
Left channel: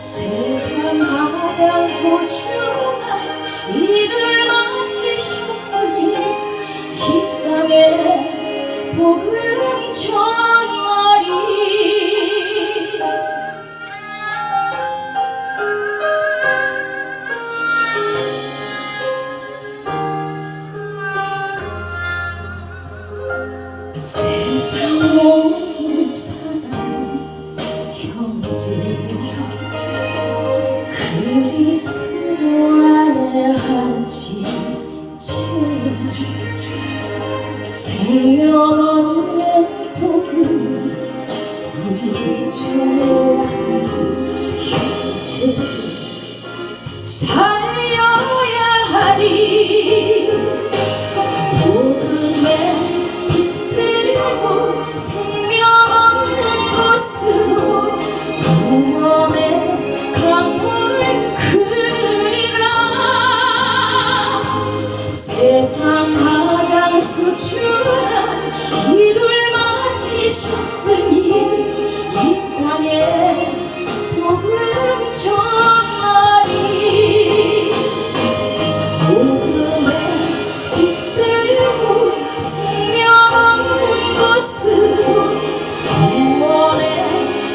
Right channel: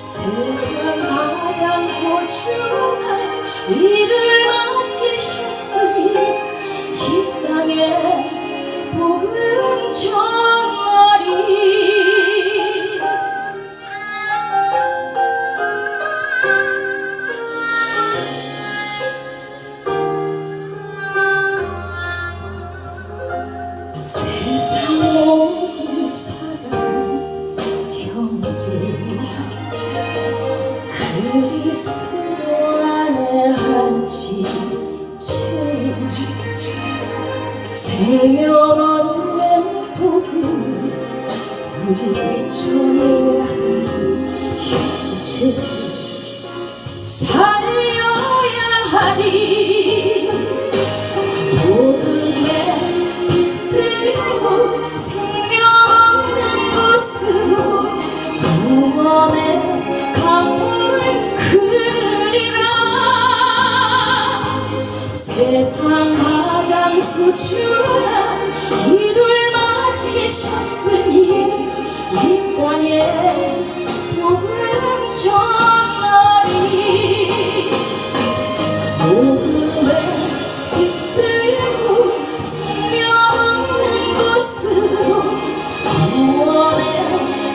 세상 가장 소중한 일을 맡기셨으니 이 땅에 복음 전하리 세상 모든 사람 형제 그리스도 안에 한 지체 생명 없는 복음은 우리 주의 형제 살려야 하리 복음의 빛들고 생명 없는 곳으로 구원의 강물 흐르리라 세상 가장 소중한 일을 맡기셨으니 이 땅에 복음 전하리 복음의 빛들고 생명 없는 곳으로 구원의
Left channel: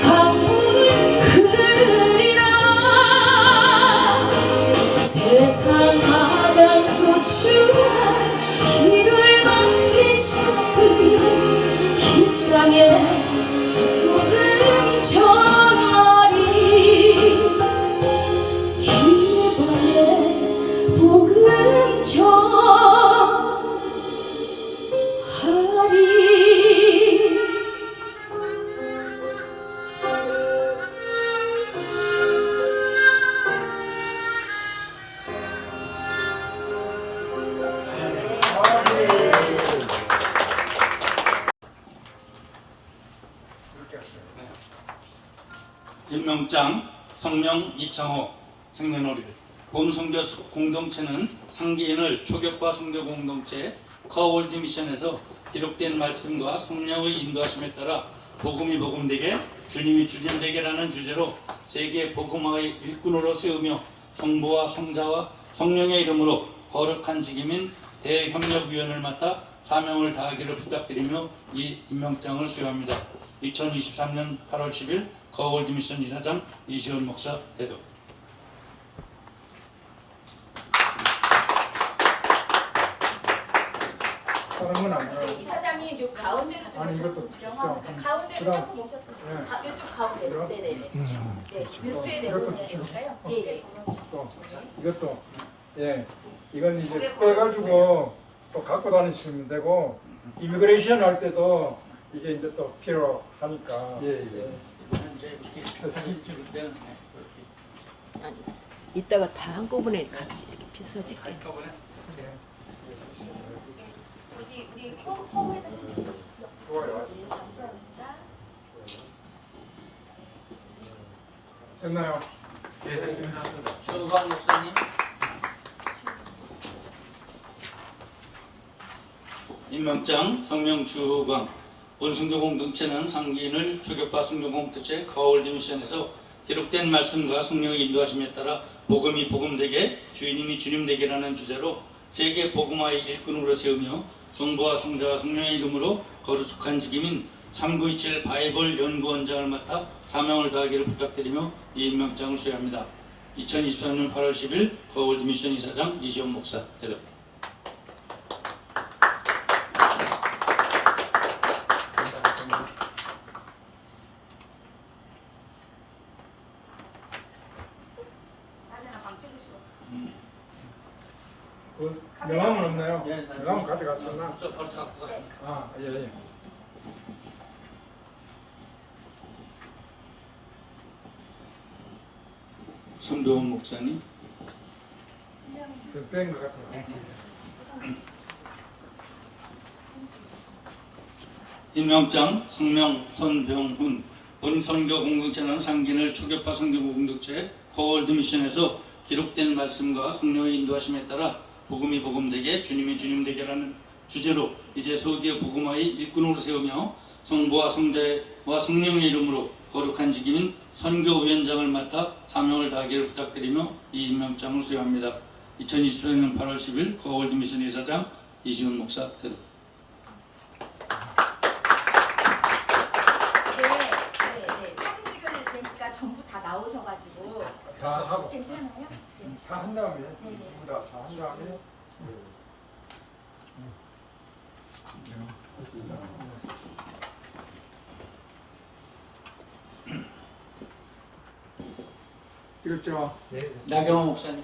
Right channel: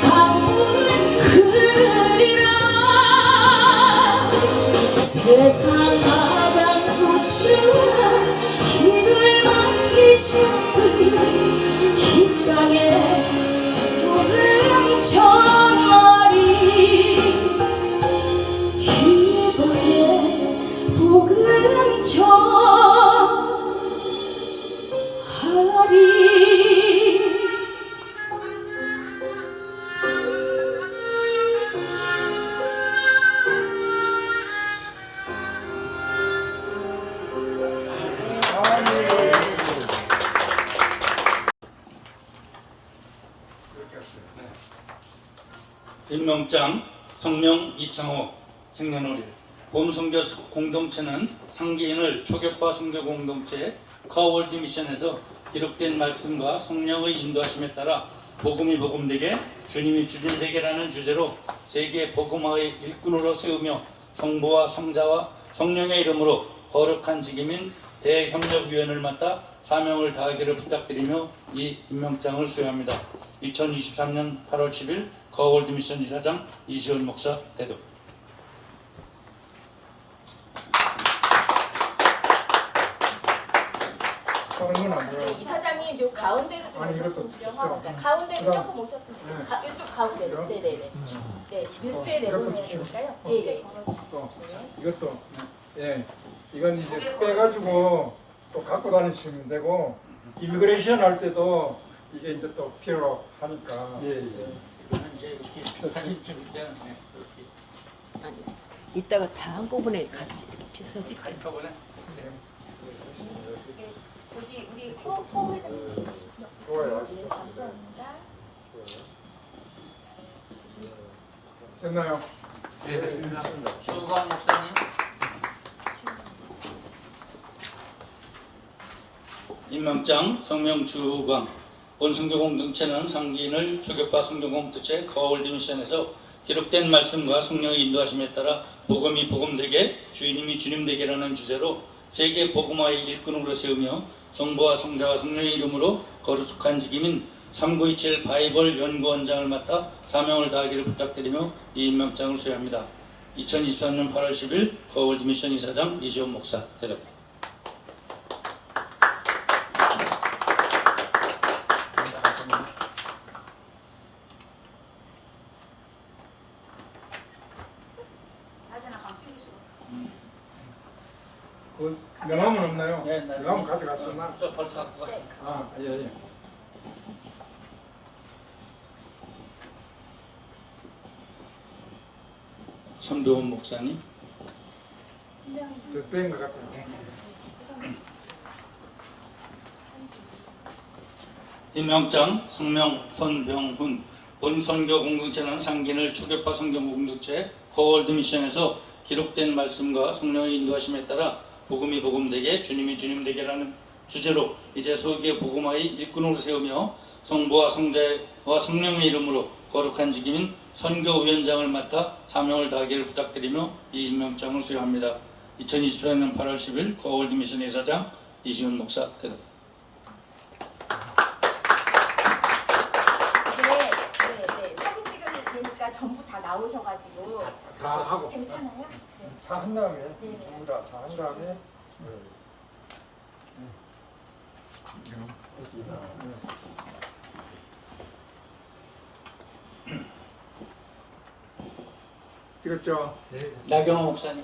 강물 흐르리라 세상 가장 소중한 일을 맡기셨으니 이 땅에 복음 전하리 이번에 복음 전하리 임명장 성명 이창호 생년월일 봄선교 공동체는 상기인을 초격파 선교 공동체 커월드 미션에서 기록된 말씀과 성령의 인도하심에 따라 복음이 복음되게 주님이 주님되게라는 주제로 세계 복음화의 일꾼으로 세우며 성부와 성자와 성령의 이름으로 거룩한 직임인 대협력위원을 맡아 사명을 다하기를 부탁드리며 이 임명장을 수여합니다. 2023년 8월 10일 거월드 미션 이사장 이시원 목사 대독. 하는 건 안 돼요. 이사장님 요 가운데로 좀 아니, 이것도 오셨으면 있죠. 가운데 그다음- 조금 오셨으면 예. 이쪽 가운데 이리요? 네네네 네 들수에 이것도 내려오면 주시고. 될까요? 예예 또 이것도 예 이건 이제 빼가지고 또 갖고 다니시면 되고 이미그레이션 할 때도 이게 이제 또 필요하니까. 이제 이렇게 사진 찍을 때는 이렇게 아니, 이따가 다 한꺼번에 같이 이렇게 펴서 찍게. 한꺼번에 우리 코어에서 좋아요. 됐나요? 네, 됐습니다. 수고한 목사님. 임명장 성명 주광 본선교 공동체는 상기인을 주격파 선교 공동체 거월드 미션에서 기록된 말씀과 성령의 인도하심에 따라 복음이 복음되게 주님이 주님되게라는 주제로 세계 복음화의 일꾼으로 세우며 성부와 성자와 성령의 이름으로 거룩한 직임인 3927 바이블 연구원장을 맡아 사명을 다하기를 부탁드리며 이 임명장을 수여합니다. 2023년 8월 10일 거월드 미션 이사장 이시원 목사 대답. 그 명함은 없나요? 예, 명함 가져갔었나? 벌써 갖고 가. 아, 예. 손도훈 목사님. 저때인 것 같아요. 임명장 성명 손병훈 본선교 공동체는 상기인을 초교파 선교 공동체 거월드 미션에서 기록된 말씀과 성령의 인도하심에 따라 복음이 복음되게 주님이 주님되게라는 주제로 이제 서기의 복음화의 일꾼으로 세우며 성부와 성자와 성령의 이름으로 거룩한 직임인 선교위원장을 맡아 사명을 다하기를 부탁드리며 이 임명장을 수여합니다. 2024년 8월 10일 거월드 미션 이사장 이시훈 목사 대답. 사진 찍으면 되니까 전부 다 나오셔가지고 다 하고 괜찮아요? 다 한 다음에 네. 전부 다 한 다음에 됐습니다. 찍었죠? 나경호 목사님.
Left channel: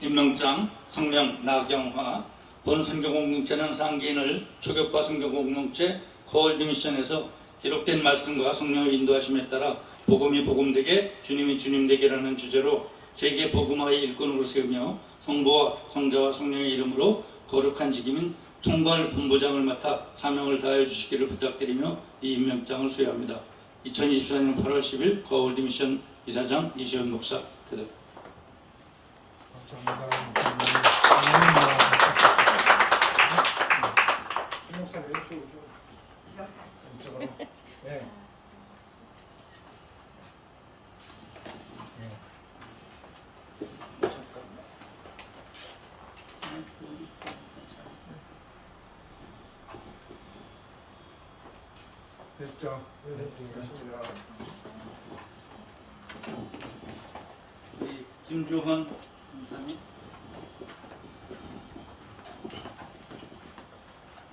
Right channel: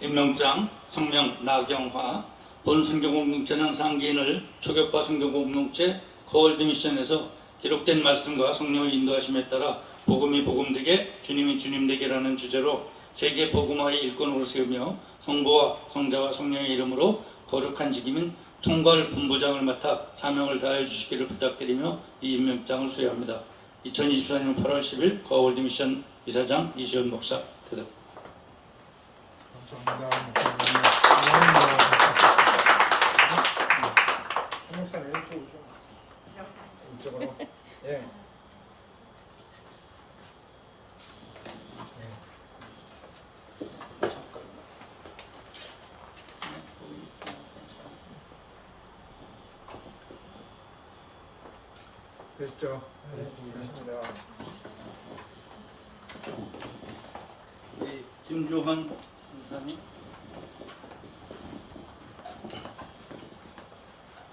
임명장 성명 나경화 본선교 공동체는 상기인을 초교파 선교 공동체 거월드 미션에서 기록된 말씀과 성령의 인도하심에 따라 복음이 복음되게 주님이 주님되게라는 주제로 세계 복음화의 일꾼으로 세우며 성부와 성자와 성령의 이름으로 거룩한 직임인 총괄 본부장을 맡아 사명을 다해 주시기를 부탁드리며 이 임명장을 수여합니다. 2024년 8월 10일 거월드 미션 이사장 이시훈 목사 대답. 감사합니다. 목사님 이쪽으로. 예. 됐죠? 네, 됐습니다. 김주환 목사님.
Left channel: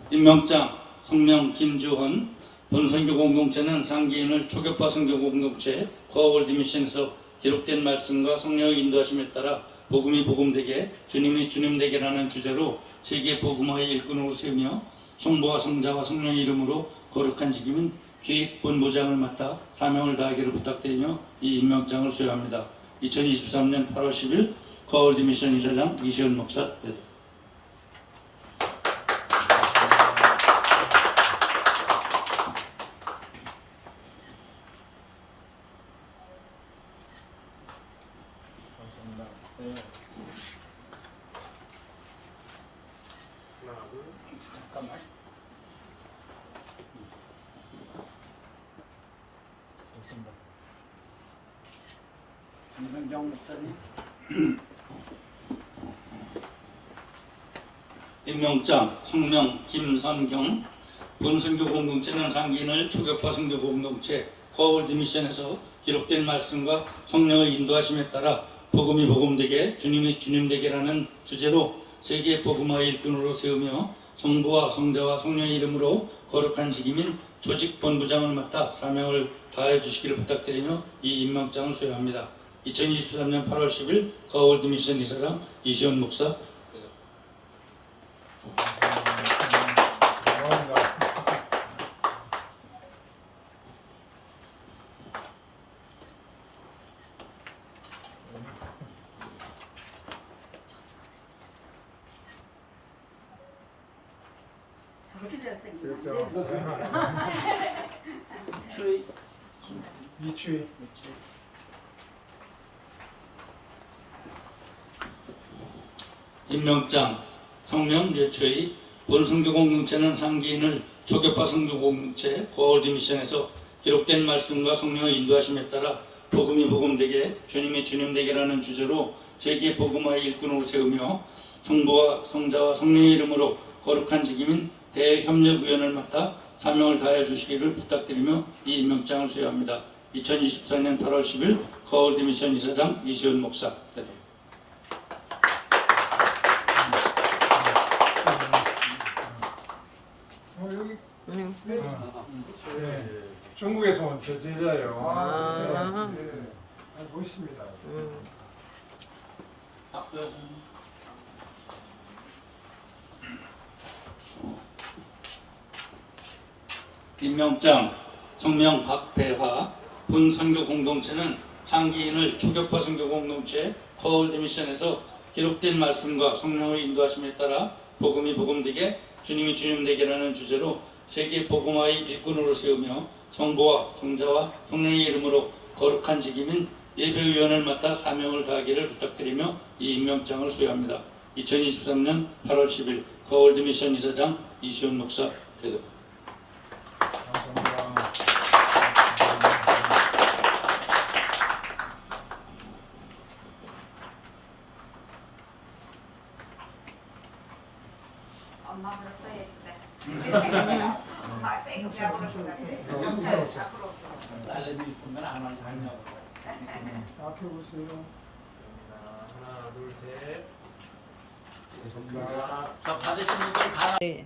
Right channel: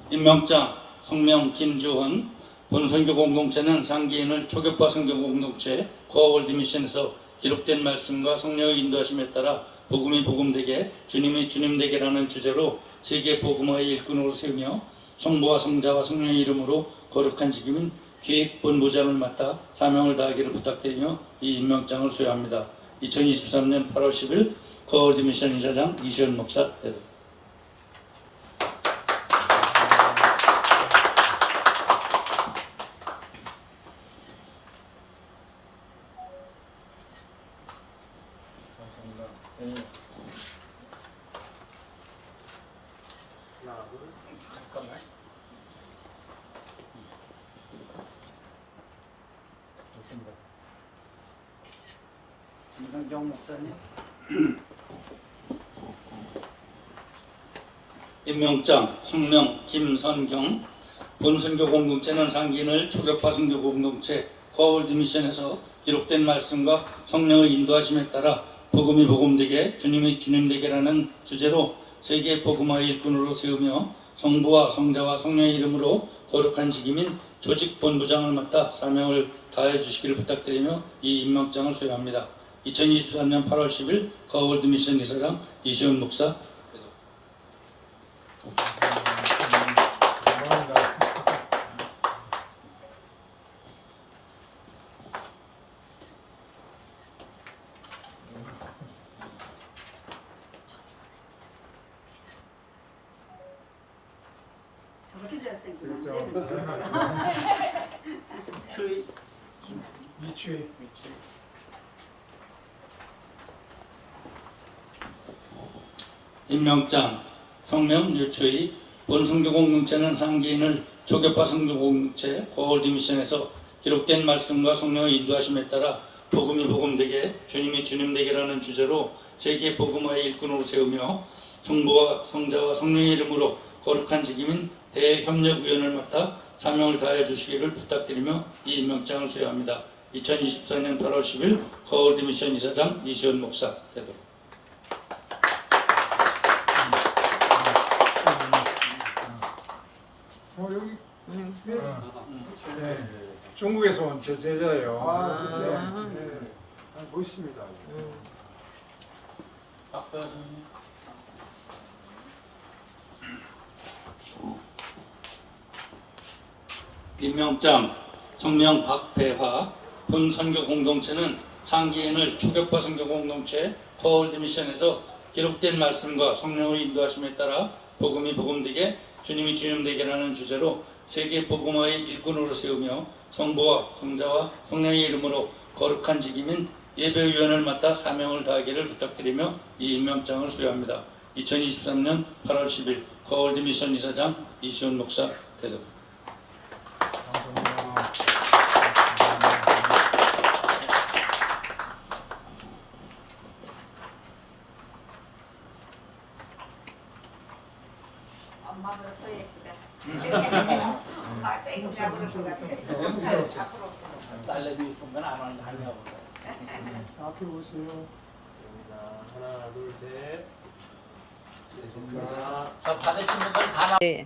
임명장 성명 김주헌 본선교 공동체는 상기인을 초교파 선교 공동체 거월드 미션에서 기록된 말씀과 성령의 인도하심에 따라 복음이 복음되게 주님이 주님되게라는 주제로 세계 복음화의 일꾼으로 세우며 성부와 성자와 성령의 이름으로 거룩한 직임인 기획본부장을 맡아 사명을 다하기를 부탁드리며 이 임명장을 수여합니다. 2023년 8월 10일 거월드 미션 이사장 이시훈 목사 대답. 감사합니다. 네. 잠깐만. 됐습니다. 김상정 목사님. 임명장 성명 김선경 본선교 공동체는 상기인을 초교파 선교 공동체 거월드 미션에서 기록된 말씀과 성령의 인도하심에 따라 복음이 복음되게 주님이 주님되게라는 주제로 세계 복음화의 일꾼으로 세우며 성부와 성자와 성령의 이름으로 거룩한 직임인 조직본부장을 맡아 사명을 다해 주시기를 부탁드리며 이 임명장을 수여합니다. 2023년 8월 10일 거월드 미션 이사장 이시훈 목사. 감사합니다. 저렇게 잘생긴 됐죠? 추이 이추희. 임명장 성명 유추의 본선교 공동체는 상기인을 초교파 선교 공동체 거월드 미션에서 기록된 말씀과 성령의 인도하심에 따라 복음이 복음되게 주님이 주님되게라는 주제로 세계 복음화의 일꾼으로 세우며 성부와 성자와 성령의 이름으로 거룩한 직임인 대협력위원을 맡아 사명을 다해 주시기를 부탁드리며 이 임명장을 수여합니다. 2024년 8월 10일 거월드 미션 이사장 이시훈 목사 대표. 여기. 네. 중국에서 온 교제자예요. 네. 네. 멋있습니다. 임명장 성명 박배화 본선교 공동체는 상기인을 초교파 선교 공동체 거월드 미션에서 기록된 말씀과 성령의 인도하심에 따라 복음이 복음되게 주님이 주님되게라는 주제로 세계 복음화의 일꾼으로 세우며 성부와 성자와 성령의 이름으로 거룩한 직임인 예배위원을 맡아 사명을 다하기를 부탁드리며 이 임명장을 수여합니다. 2023년 8월 10일 거월드 미션 이사장 이시원 목사 대독. 감사합니다. 엄마보다 더 예쁘다. 엄마 쨍 까부는 것 같아. 딸내미 보면 안 하냐고. 앞으로 오세요. 하나, 둘, 셋. 자, 받으신 분들 다 네.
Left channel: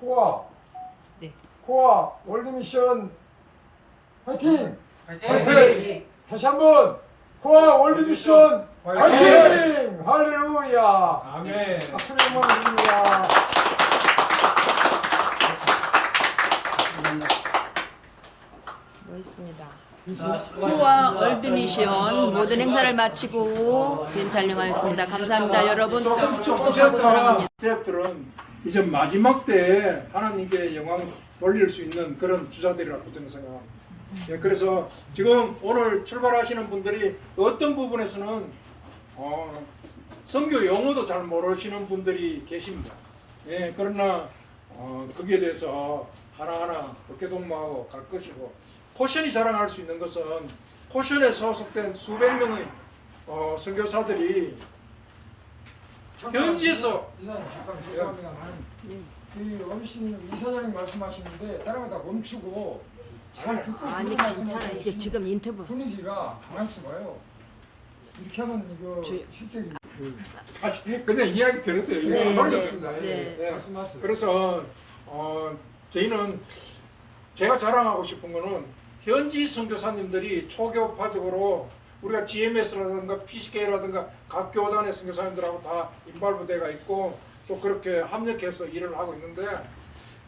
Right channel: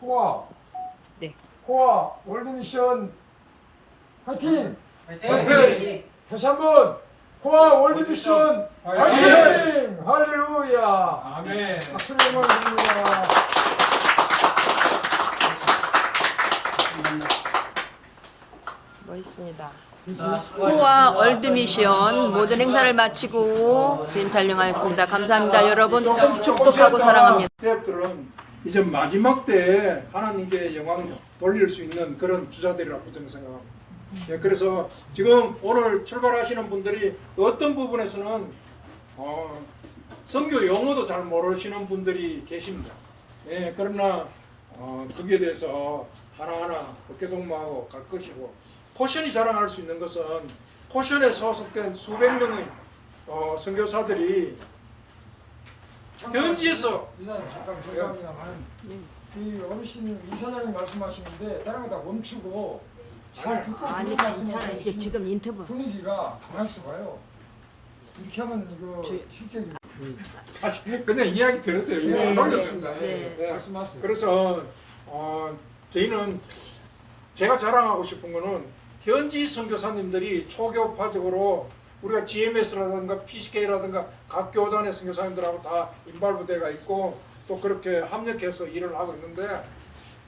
코아. 네. 코아 월드미션 화이팅! 화이팅! 다시 한번 코아 월드미션 화이팅! 할렐루야! 아멘. 박수를 드립니다. 멋있습니다. 코아 월드미션 모든 행사를 마치고 film 촬영하였습니다. 감사합니다. 여러분 축복하고 사랑합니다. 스태프들은 이제 마지막 때에 하나님께 영광 돌릴 수 있는 그런 주자들이라고 저는 생각합니다. 예, 그래서 지금 오늘 출발하시는 분들이 어떤 부분에서는 선교 용어도 잘 모르시는 분들이 계십니다. 예, 그러나 거기에 대해서 하나하나 어깨동무하고 갈 것이고, 포션이 자랑할 수 있는 것은 포션에 소속된 수백 명의 선교사들이 현지에서 이사님 잠깐 죄송합니다만 이 어르신 이사장님 말씀하시는데 다른 거 다 멈추고 잘 듣고 아니 그런 괜찮아. 말씀하시면 이제 지금 인터뷰. 분위기가 가만 있어봐요. 이렇게 하면 이거 실제 사실 그냥 이야기 들었어요. 이거 네. 안 올렸습니다. 네. 네. 말씀하세요. 그래서 저희는 제가 자랑하고 싶은 거는 현지 선교사님들이 초교파적으로 우리가 GMS라든가 PCK라든가 각 교단의 선교사님들하고 다 인발부대가 있고 또 그렇게 합력해서 일을 하고 있는데,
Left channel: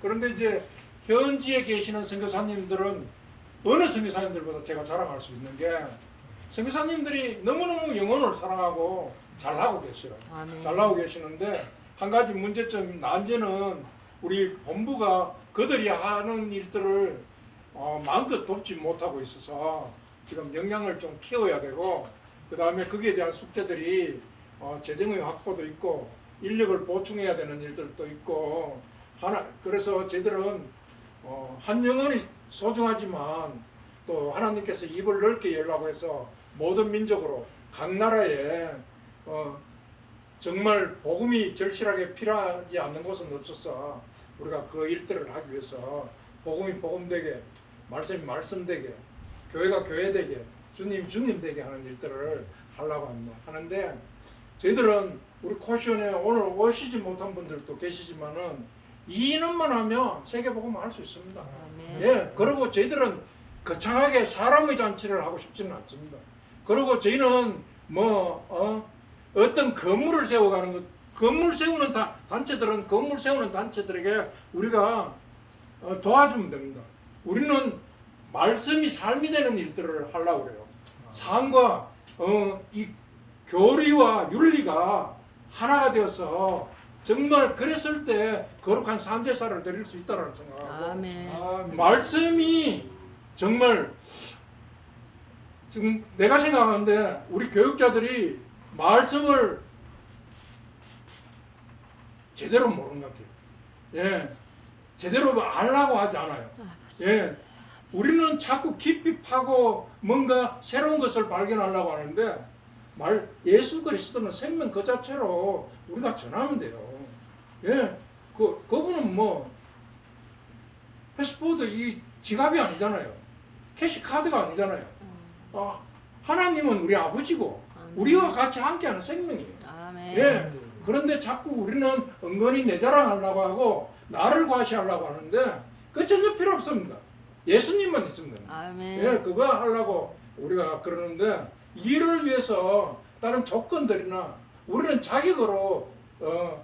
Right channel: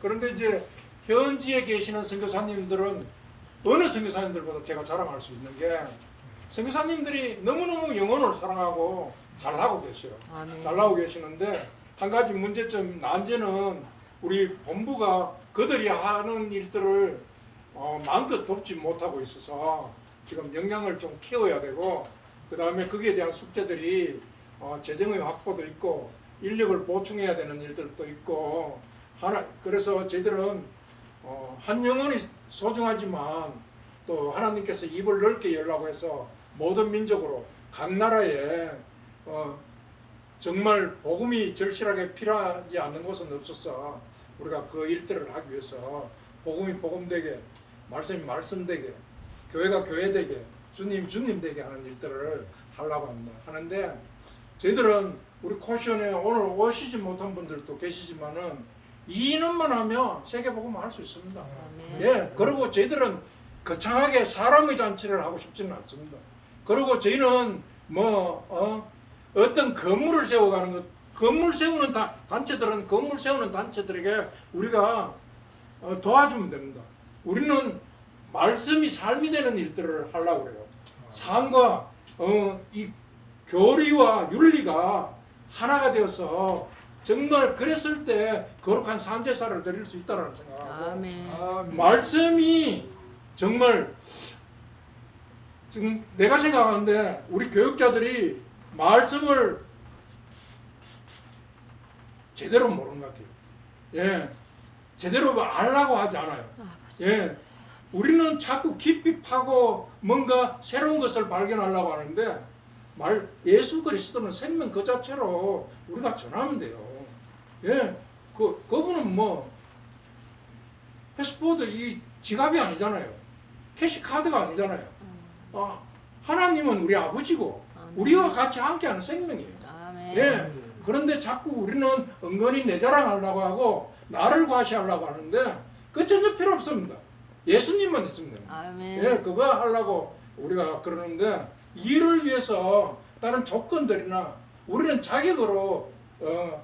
그런데 이제 현지에 계시는 선교사님들은 어느 선교사님들보다 제가 자랑할 수 있는 게 선교사님들이 너무너무 영혼을 사랑하고 잘하고 계셔요. 아멘. 잘하고 계시는데 한 가지 문제점, 난제는 우리 본부가 그들이 하는 일들을 마음껏 돕지 못하고 있어서 지금 역량을 좀 키워야 되고, 그 다음에 거기에 대한 숙제들이 재정의 확보도 있고 인력을 보충해야 되는 일들도 있고 그래서 저희들은 한 영혼이 소중하지만 또 하나님께서 입을 넓게 열라고 해서 모든 민족으로 각 나라에 정말 복음이 절실하게 필요하지 않는 곳은 없어서 우리가 그 일들을 하기 위해서 복음이 복음되게, 말씀이 말씀되게, 교회가 교회되게, 주님 주님되게 하는 일들을 하려고 합니다. 하는데 저희들은 우리 코시온에 오늘 오시지 못한 분들도 계시지만은 이 인원만 하면 세계 복음을 할 수 있습니다. 예, 그리고 저희들은 거창하게 사람의 잔치를 하고 싶지는 않습니다. 그리고 저희는 어떤 건물을 세워가는 것, 건물 세우는 단체들은 건물 세우는 단체들에게 우리가 도와주면 됩니다. 우리는 말씀이 삶이 되는 일들을 하려고 그래요. 삶과 이 교리와 윤리가 하나가 되어서 정말 그랬을 때 거룩한 산제사를 드릴 수 있다는 생각하고, 아멘. 말씀이 정말 지금 내가 생각하는데 우리 교육자들이 말씀을 제대로 모르는 것 같아요. 예, 제대로 알라고 하지 않아요. 예, 우리는 자꾸 깊이 파고 뭔가 새로운 것을 발견하려고 하는데 예수 그리스도는 생명 그 자체로 우리가 전하면 돼요. 예, 그분은 패스포드 이 지갑이 아니잖아요. 캐시카드가 아니잖아요. 하나님은 우리 아버지고 우리와 같이 함께하는 생명이에요. 아멘. 예, 그런데 자꾸 우리는 은근히 내 자랑하려고 하고 나를 과시하려고 하는데 그 전혀 필요 없습니다. 예수님만 있으면 됩니다. 아멘. 예, 그거 하려고 우리가 그러는데 이를 위해서 다른 조건들이나 우리는 자격으로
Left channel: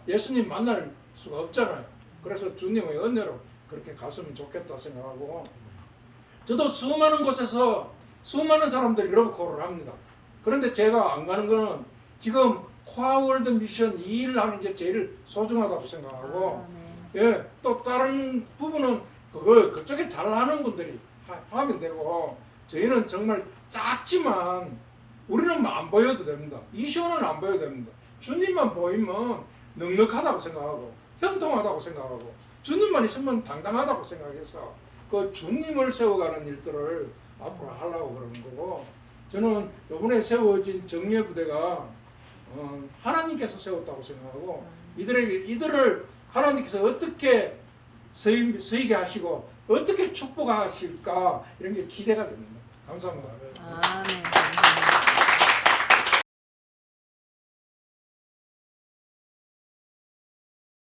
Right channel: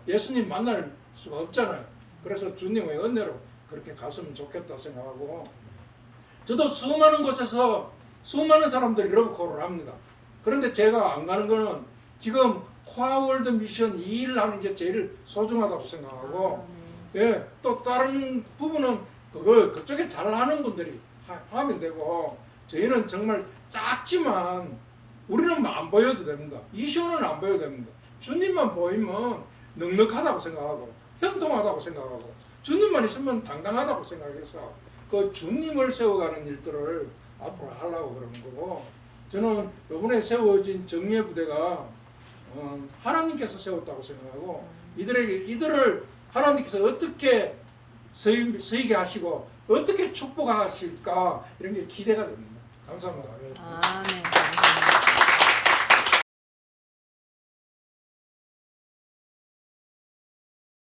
예수님 만날 수가 없잖아요. 그래서 주님의 은혜로 그렇게 갔으면 좋겠다 생각하고, 저도 수많은 곳에서 수많은 사람들이 러브콜을 합니다. 그런데 제가 안 가는 거는 지금 코아월드 미션 이 일을 하는 게 제일 소중하다고 생각하고 예, 또 다른 부분은 그쪽에 잘하는 분들이 하면 되고 저희는 정말 작지만 우리는 안 보여도 됩니다. 이시원은 안 보여도 됩니다. 주님만 보이면 넉넉하다고 생각하고 형통하다고 생각하고 주님만 있으면 당당하다고 생각해서 그 주님을 세워가는 일들을 앞으로 하려고 그러는 거고 저는 이번에 세워진 정예부대가 하나님께서 세웠다고 생각하고 이들을 하나님께서 어떻게 서이게 하시고 어떻게 축복하실까 이런 게 기대가 됩니다. 감사합니다. 아멘.